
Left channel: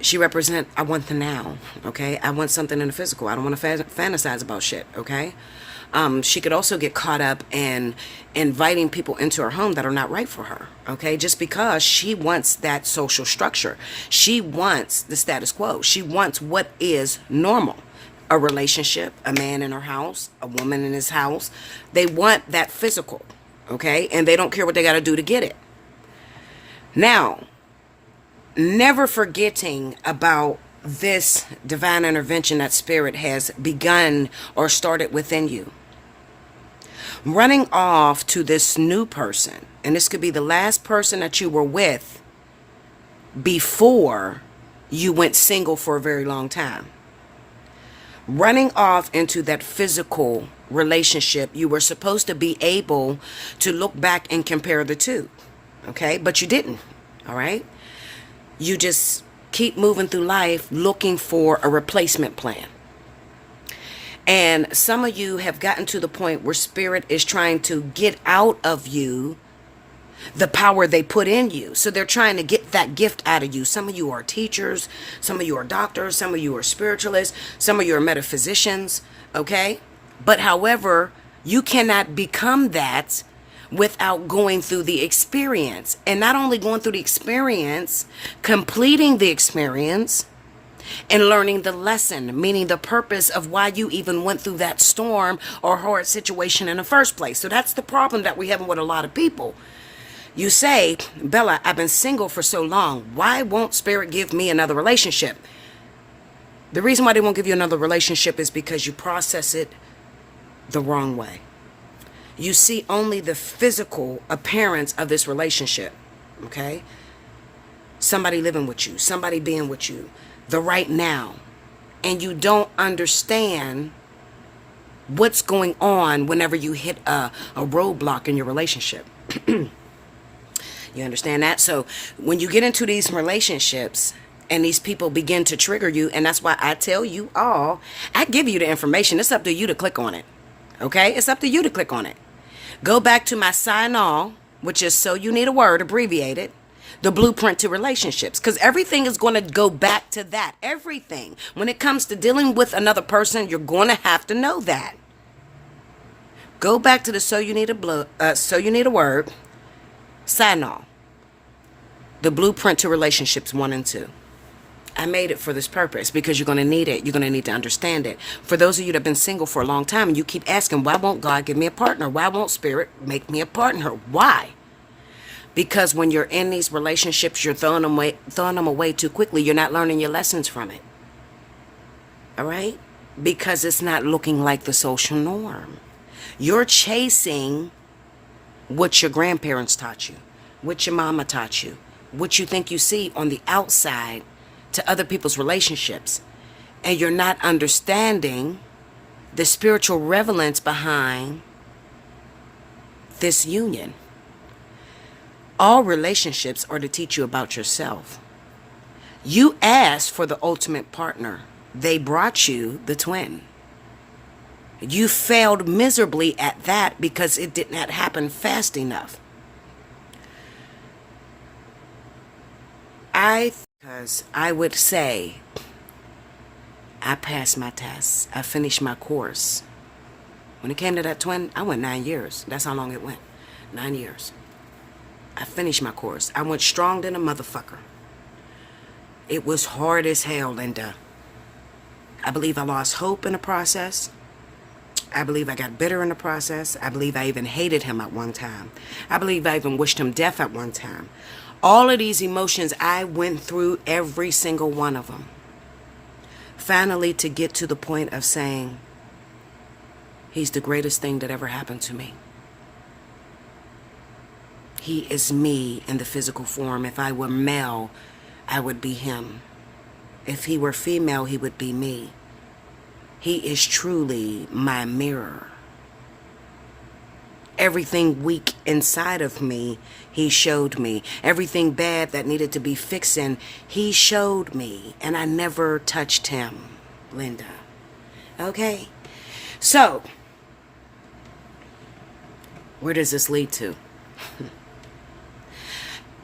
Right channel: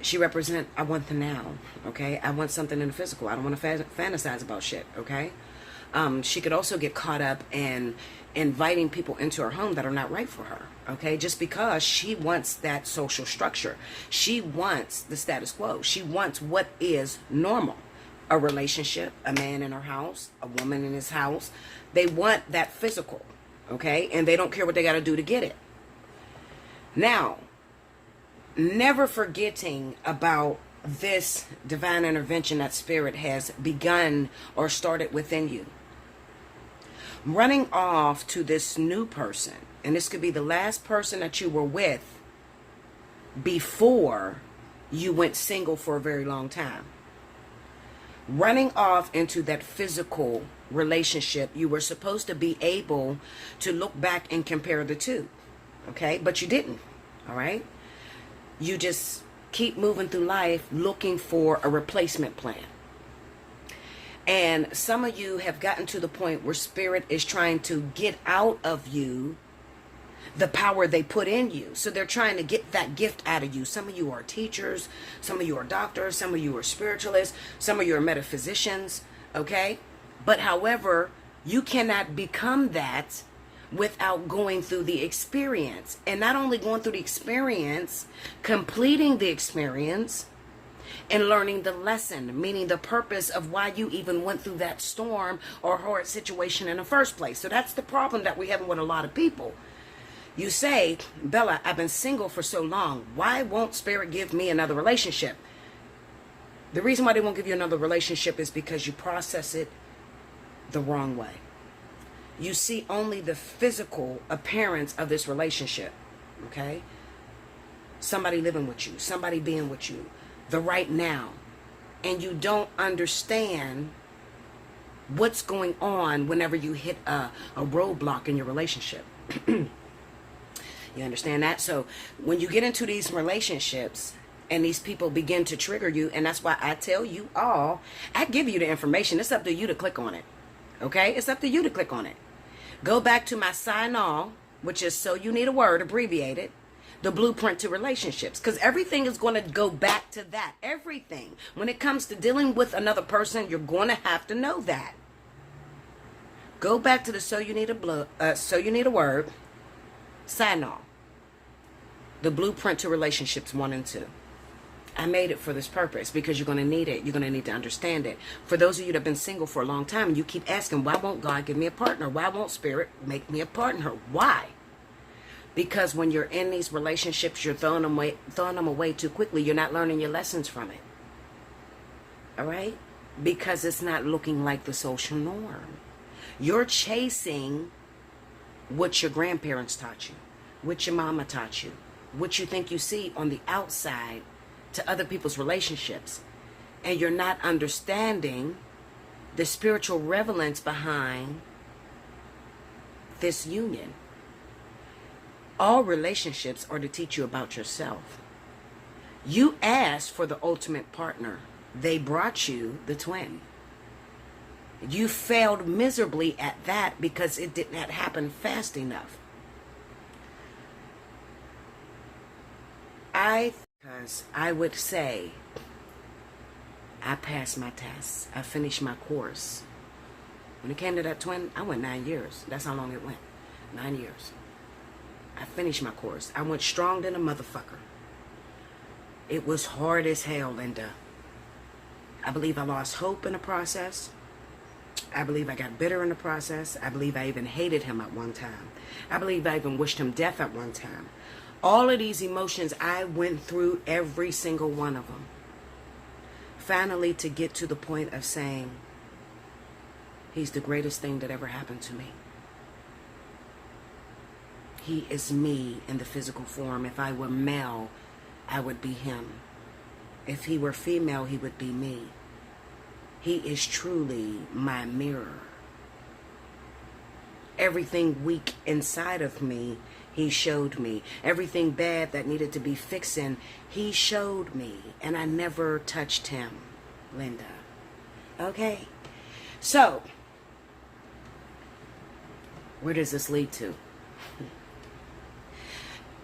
She represents, I want the now, okay? I want something in the physical. I don't want to fantasize about shit, okay? She could also get caught up in inviting people into her home that are not right for her, okay? Just because she wants that social structure. She wants the status quo. She wants what is normal. A relationship, a man in her house, a woman in his house. They want that physical, okay? And they don't care what they got to do to get it. Now, never forgetting about this divine intervention that spirit has begun or started within you. Running off to this new person, and this could be the last person that you were with before you went single for a very long time. Running off into that physical relationship, you were supposed to be able to look back and compare the two, okay? But you didn't, all right? You just keep moving through life looking for a replacement plan. And some of you have gotten to the point where spirit is trying to get out of you the power they put in you. So they're trying to get that gift out of you. Some of you are teachers, some of you are doctors, some of you are spiritualists, some of you are metaphysicians, okay? But however, you cannot become that without going through the experience. And not only going through the experience, completing the experience and learning the lesson, meaning the purpose of why you even went through that storm or hard situation in the first place. So that's the problem that we have with a lot of people. You say, Bella, I've been single for so long. Why won't spirit give me another relationship? The reason why they won't give you another relationship is because you process it the wrong way. You see only the physical appearance of this relationship, okay? Somebody living with you, somebody being with you, the right now. And you don't understand what's going on whenever you hit a roadblock in your relationship. You understand that? So when you get into these relationships and these people begin to trigger you, and that's why I tell you all, I give you the information. It's up to you to click on it. Okay? It's up to you to click on it. Go back to my sign all, which is So You Need a Word, abbreviated, the blueprint to relationships. Because everything is going to go back to that. Everything. When it comes to dealing with another person, you're going to have to know that. Go back to the So You Need a Word, sign all. The blueprint to relationships 1 and 2. I made it for this purpose because you're going to need it. You're going to need to understand it. For those of you that have been single for a long time and you keep asking, why won't God give me a partner? Why won't spirit make me a partner? Why? Because when you're in these relationships, you're throwing them away too quickly. You're not learning your lessons from it. All right? Because it's not looking like the social norm. You're chasing what your grandparents taught you, what your mama taught you, what you think you see on the outside to other people's relationships. And you're not understanding the spiritual relevance behind this union. All relationships are to teach you about yourself. You asked for the ultimate partner. They brought you the twin. You failed miserably at that because it did not happen fast enough. Because I would say, I passed my tests. I finished my course. When it came to that twin, I went 9 years. That's how long it went. 9 years. I finished my course. I went strong than a motherfucker. It was hard as hell, Linda. I believe I lost hope in the process. I believe I got bitter in the process. I believe I even hated him at one time. I believe I even wished him death at one time. All of these emotions, I went through every single one of them. Finally, to get to the point of saying, he's the greatest thing that ever happened to me. He is me in the physical form. If I were male, I would be him. If he were female, he would be me. He is truly my mirror. Everything weak inside of me, he showed me. Everything bad that needed to be fixing, he showed me. And I never touched him, Linda. Okay? So, where does this lead to?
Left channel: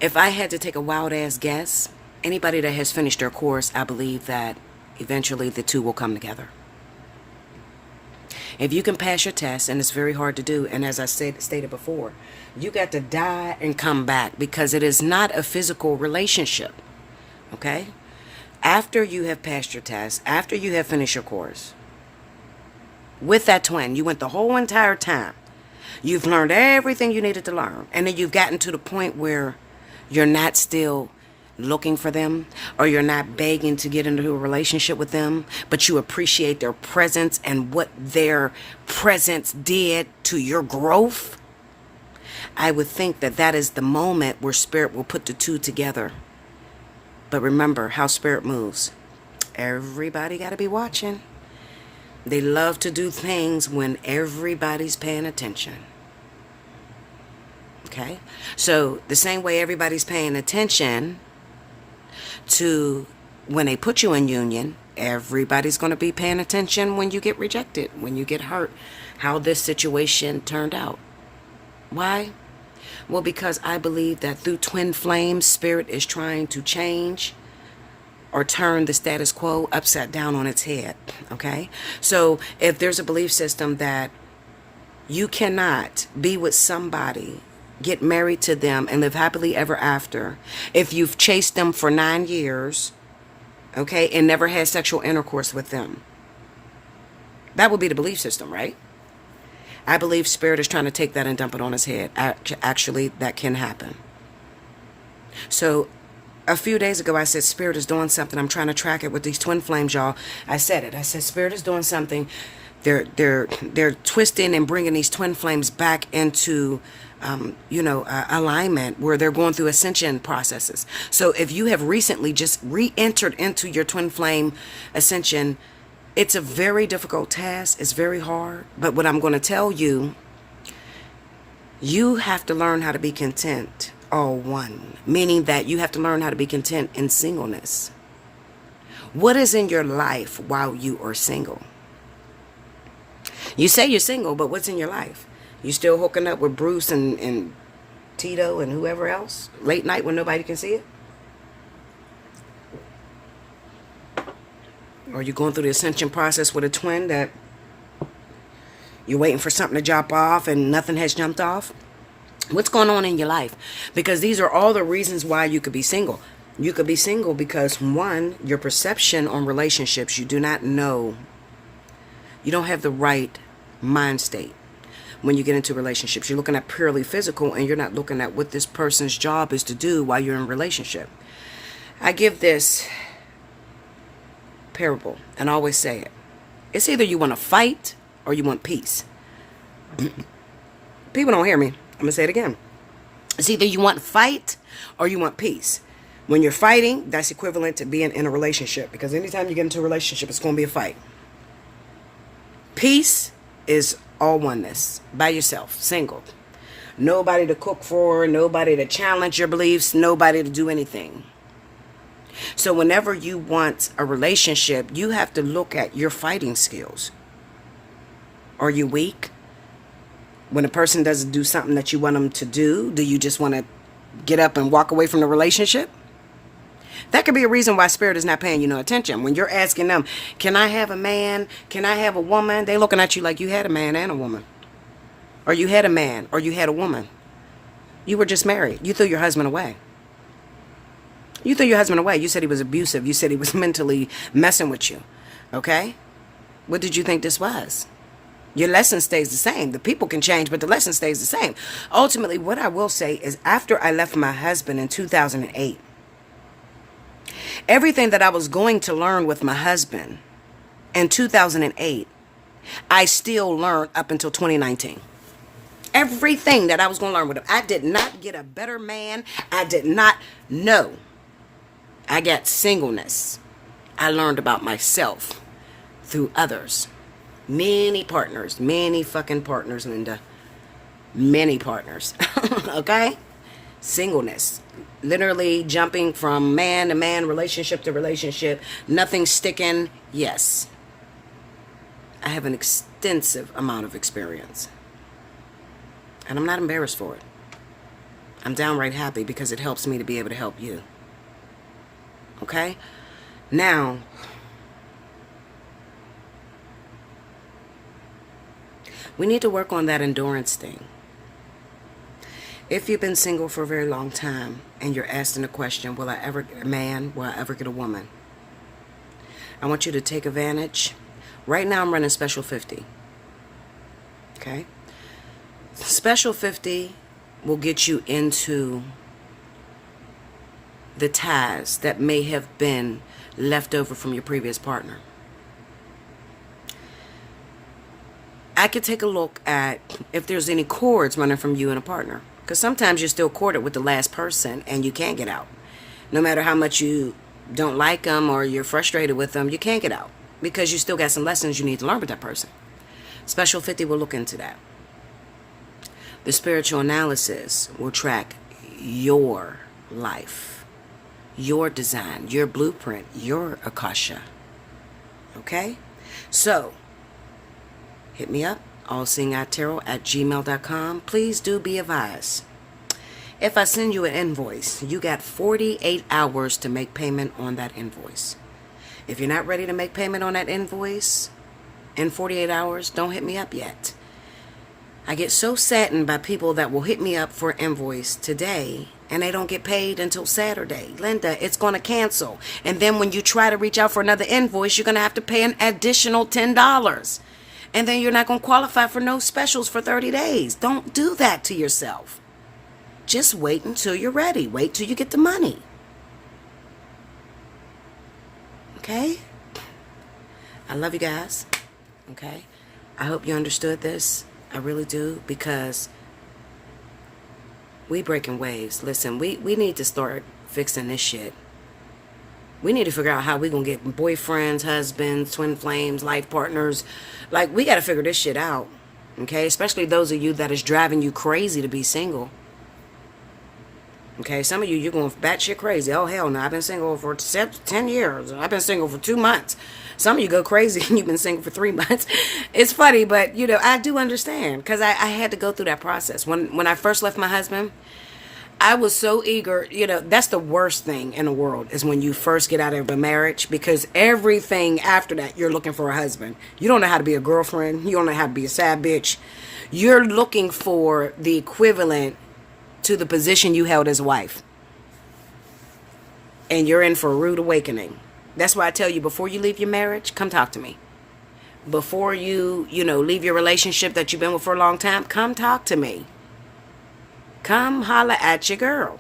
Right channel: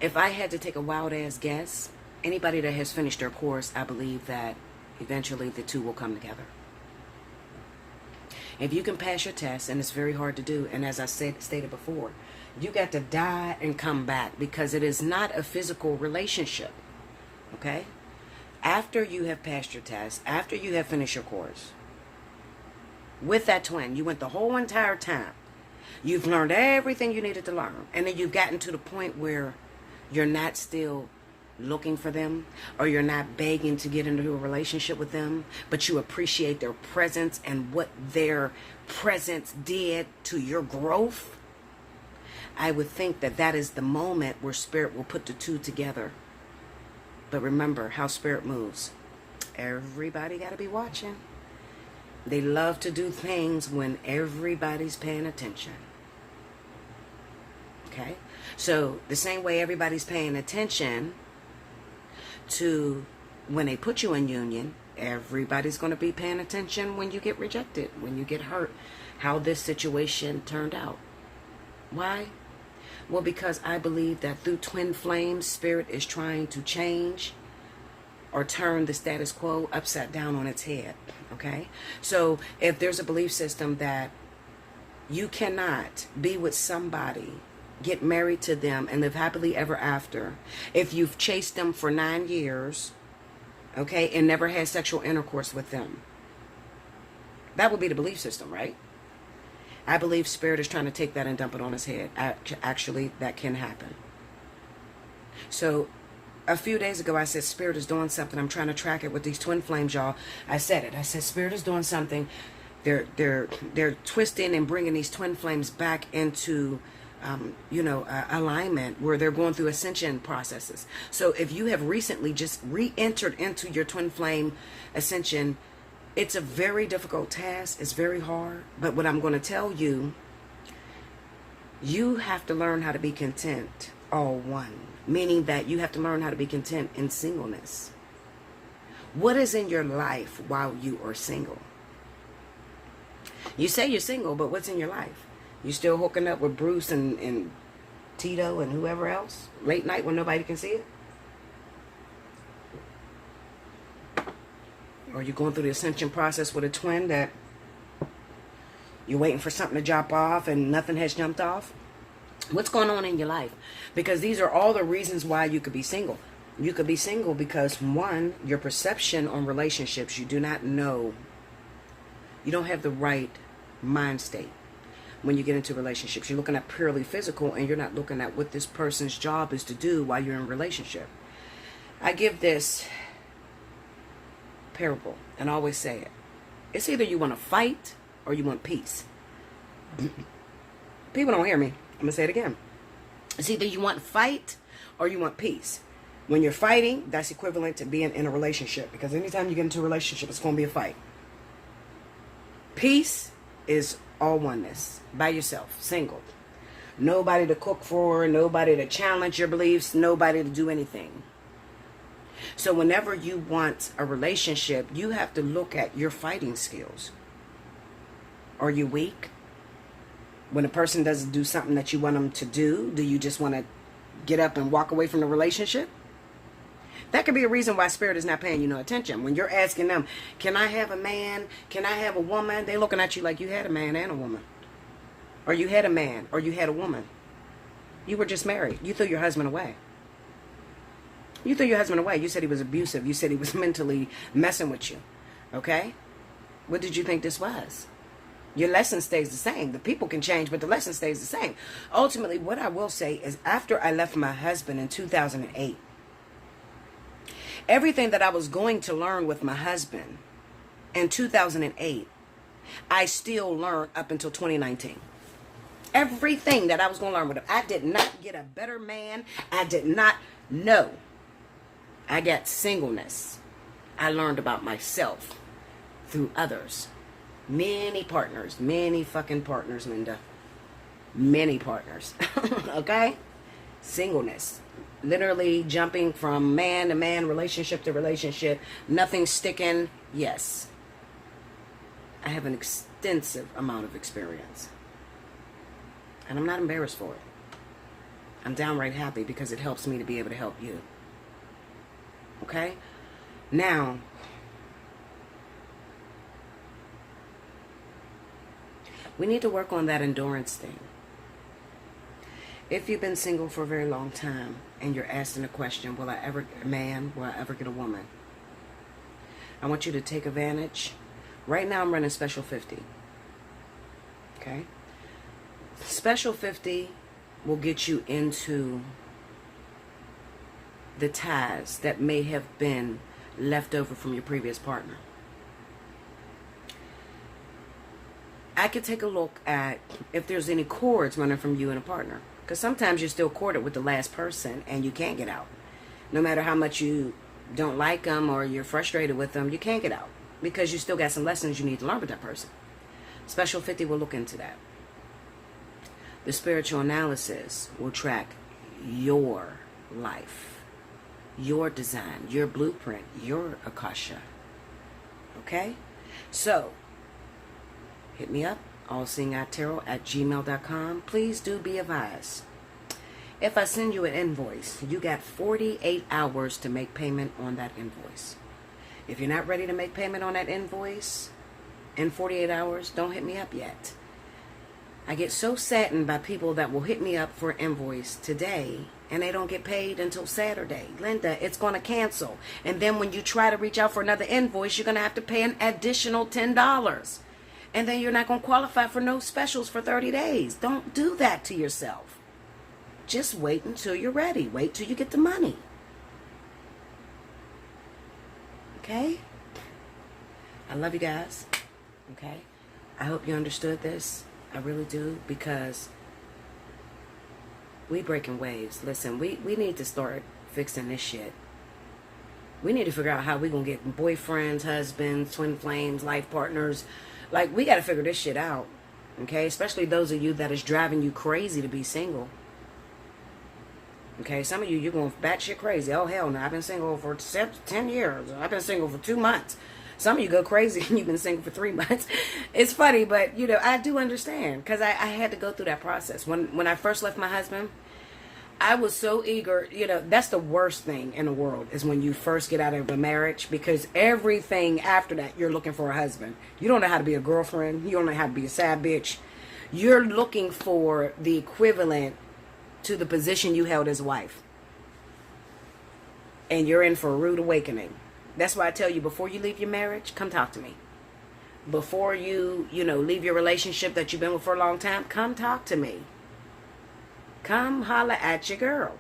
If I had to take a wild-ass guess, anybody that has finished their course, I believe that eventually the two will come together. If you can pass your test, and it's very hard to do, and as I stated before, you got to die and come back because it is not a physical relationship, okay? After you have passed your test, after you have finished your course, with that twin, you went the whole entire time. You've learned everything you needed to learn, and then you've gotten to the point where you're not still looking for them, or you're not begging to get into a relationship with them, but you appreciate their presence and what their presence did to your growth, I would think that that is the moment where Spirit will put the two together. But remember how Spirit moves. Everybody got to be watching. They love to do things when everybody's paying attention. Okay? So the same way everybody's paying attention to when they put you in union, everybody's going to be paying attention when you get rejected, when you get hurt, how this situation turned out. Why? Well, because I believe that through twin flames, Spirit is trying to change or turn the status quo upside down on its head. Okay? So if there's a belief system that you cannot be with somebody, get married to them, and live happily ever after, if you've chased them for 9 years, okay, and never had sexual intercourse with them, that would be the belief system, right? I believe Spirit is trying to take that and dump it on his head. Actually, that can happen. So a few days ago, I said, Spirit is doing something. I'm trying to track it with these twin flames, y'all. I said it. I said, Spirit is doing something. They're twisting and bringing these twin flames back into, alignment, where they're going through ascension processes. So if you have recently just re-entered into your twin flame ascension, it's a very difficult task. It's very hard. But what I'm going to tell you, you have to learn how to be content, all one. Meaning that you have to learn how to be content in singleness. What is in your life while you are single? You say you're single, but what's in your life? You still hooking up with Bruce and Tito and whoever else? Late night when nobody can see it? Or you going through the ascension process with a twin that you're waiting for something to jump off and nothing has jumped off? What's going on in your life? Because these are all the reasons why you could be single. You could be single because, one, your perception on relationships, you do not know. You don't have the right mind state when you get into relationships. You're looking at purely physical, and you're not looking at what this person's job is to do while you're in a relationship. I give this parable and I always say it. It's either you want to fight or you want peace. People don't hear me. I'm going to say it again. It's either you want to fight or you want peace. When you're fighting, that's equivalent to being in a relationship, because anytime you get into a relationship, it's going to be a fight. Peace is all oneness, by yourself, single. Nobody to cook for, nobody to challenge your beliefs, nobody to do anything. So whenever you want a relationship, you have to look at your fighting skills. Are you weak? When a person doesn't do something that you want them to do you just want to get up and walk away from the relationship? That could be a reason why Spirit is not paying you no attention. When you're asking them, can I have a man? Can I have a woman? They're looking at you like you had a man and a woman. Or you had a man, or you had a woman. You were just married. You threw your husband away. You threw your husband away. You said he was abusive. You said he was mentally messing with you. Okay? What did you think this was? Your lesson stays the same. The people can change, but the lesson stays the same. Ultimately, what I will say is, after I left my husband in 2008, everything that I was going to learn with my husband in 2008, I still learned up until 2019. Everything that I was going to learn with him. I did not get a better man. I did not know. I got singleness. I learned about myself through others. Many partners. Many fucking partners, Linda. Many partners. Okay? Singleness. Literally jumping from man to man, relationship to relationship. Nothing sticking. Yes. I have an extensive amount of experience. And I'm not embarrassed for it. I'm downright happy because it helps me to be able to help you. Okay? Now, we need to work on that endurance thing. If you've been single for a very long time and you're asking the question, will I ever get a man? Will I ever get a woman? I want you to take advantage. Right now I'm running Special 50. Okay? Special 50 will get you into the ties that may have been left over from your previous partner. I could take a look at if there's any cords running from you and a partner. Because sometimes you're still corded with the last person and you can't get out. No matter how much you don't like them or you're frustrated with them, you can't get out. Because you still got some lessons you need to learn with that person. Special 50 will look into that. The spiritual analysis will track your life, your design, your blueprint, your Akasha. Okay? So, hit me up, allseeingeyetarot@gmail.com. Please do be advised. If I send you an invoice, you got 48 hours to make payment on that invoice. If you're not ready to make payment on that invoice in 48 hours, don't hit me up yet. I get so saddened by people that will hit me up for an invoice today and they don't get paid until Saturday. Linda, it's going to cancel. And then when you try to reach out for another invoice, you're going to have to pay an additional $10. And then you're not going to qualify for no specials for 30 days. Don't do that to yourself. Just wait until you're ready. Wait till you get the money. Okay? I love you guys. Okay? I hope you understood this. I really do, because we breaking waves. Listen, we need to start fixing this shit. We need to figure out how we gonna get boyfriends, husbands, twin flames, life partners. Like, we got to figure this shit out. Okay? Especially those of you that is driving you crazy to be single. Okay? Some of you, you're going batshit crazy. Oh, hell no. I've been single for 10 years. I've been single for 2 months. Some of you go crazy and you've been single for 3 months. It's funny, but, you know, I do understand, because I had to go through that process. When I first left my husband, I was so eager. You know, that's the worst thing in the world, is when you first get out of a marriage, because everything after that, you're looking for a husband. You don't know how to be a girlfriend. You don't know how to be a sad bitch. You're looking for the equivalent to the position you held as a wife. And you're in for a rude awakening. That's why I tell you, before you leave your marriage, come talk to me. Before you leave your relationship that you've been with for a long time, come talk to me. Come holla at your girl.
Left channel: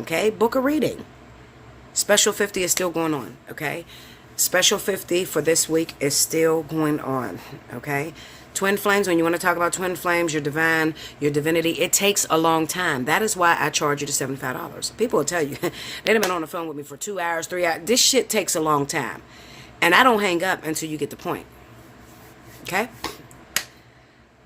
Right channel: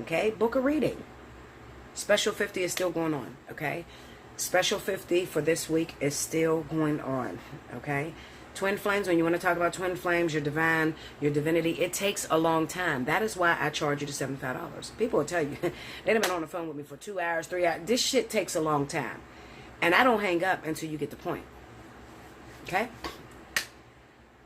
Okay? Book a reading. Special 50 is still going on. Okay? Special 50 for this week is still going on. Okay? Twin flames, when you want to talk about twin flames, your divine, your divinity, it takes a long time. That is why I charge you the $75. People will tell you, they've been on the phone with me for 2 hours, 3 hours. This shit takes a long time. And I don't hang up until you get the point. Okay?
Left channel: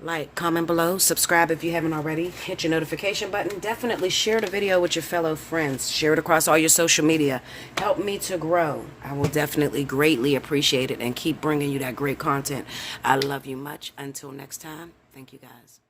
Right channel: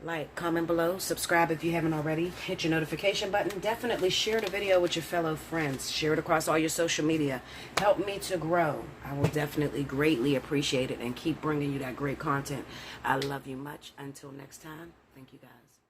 Like, comment below, subscribe if you haven't already, hit your notification button. Definitely share the video with your fellow friends. Share it across all your social media. Help me to grow. I will definitely greatly appreciate it and keep bringing you that great content. I love you much. Until next time, thank you guys.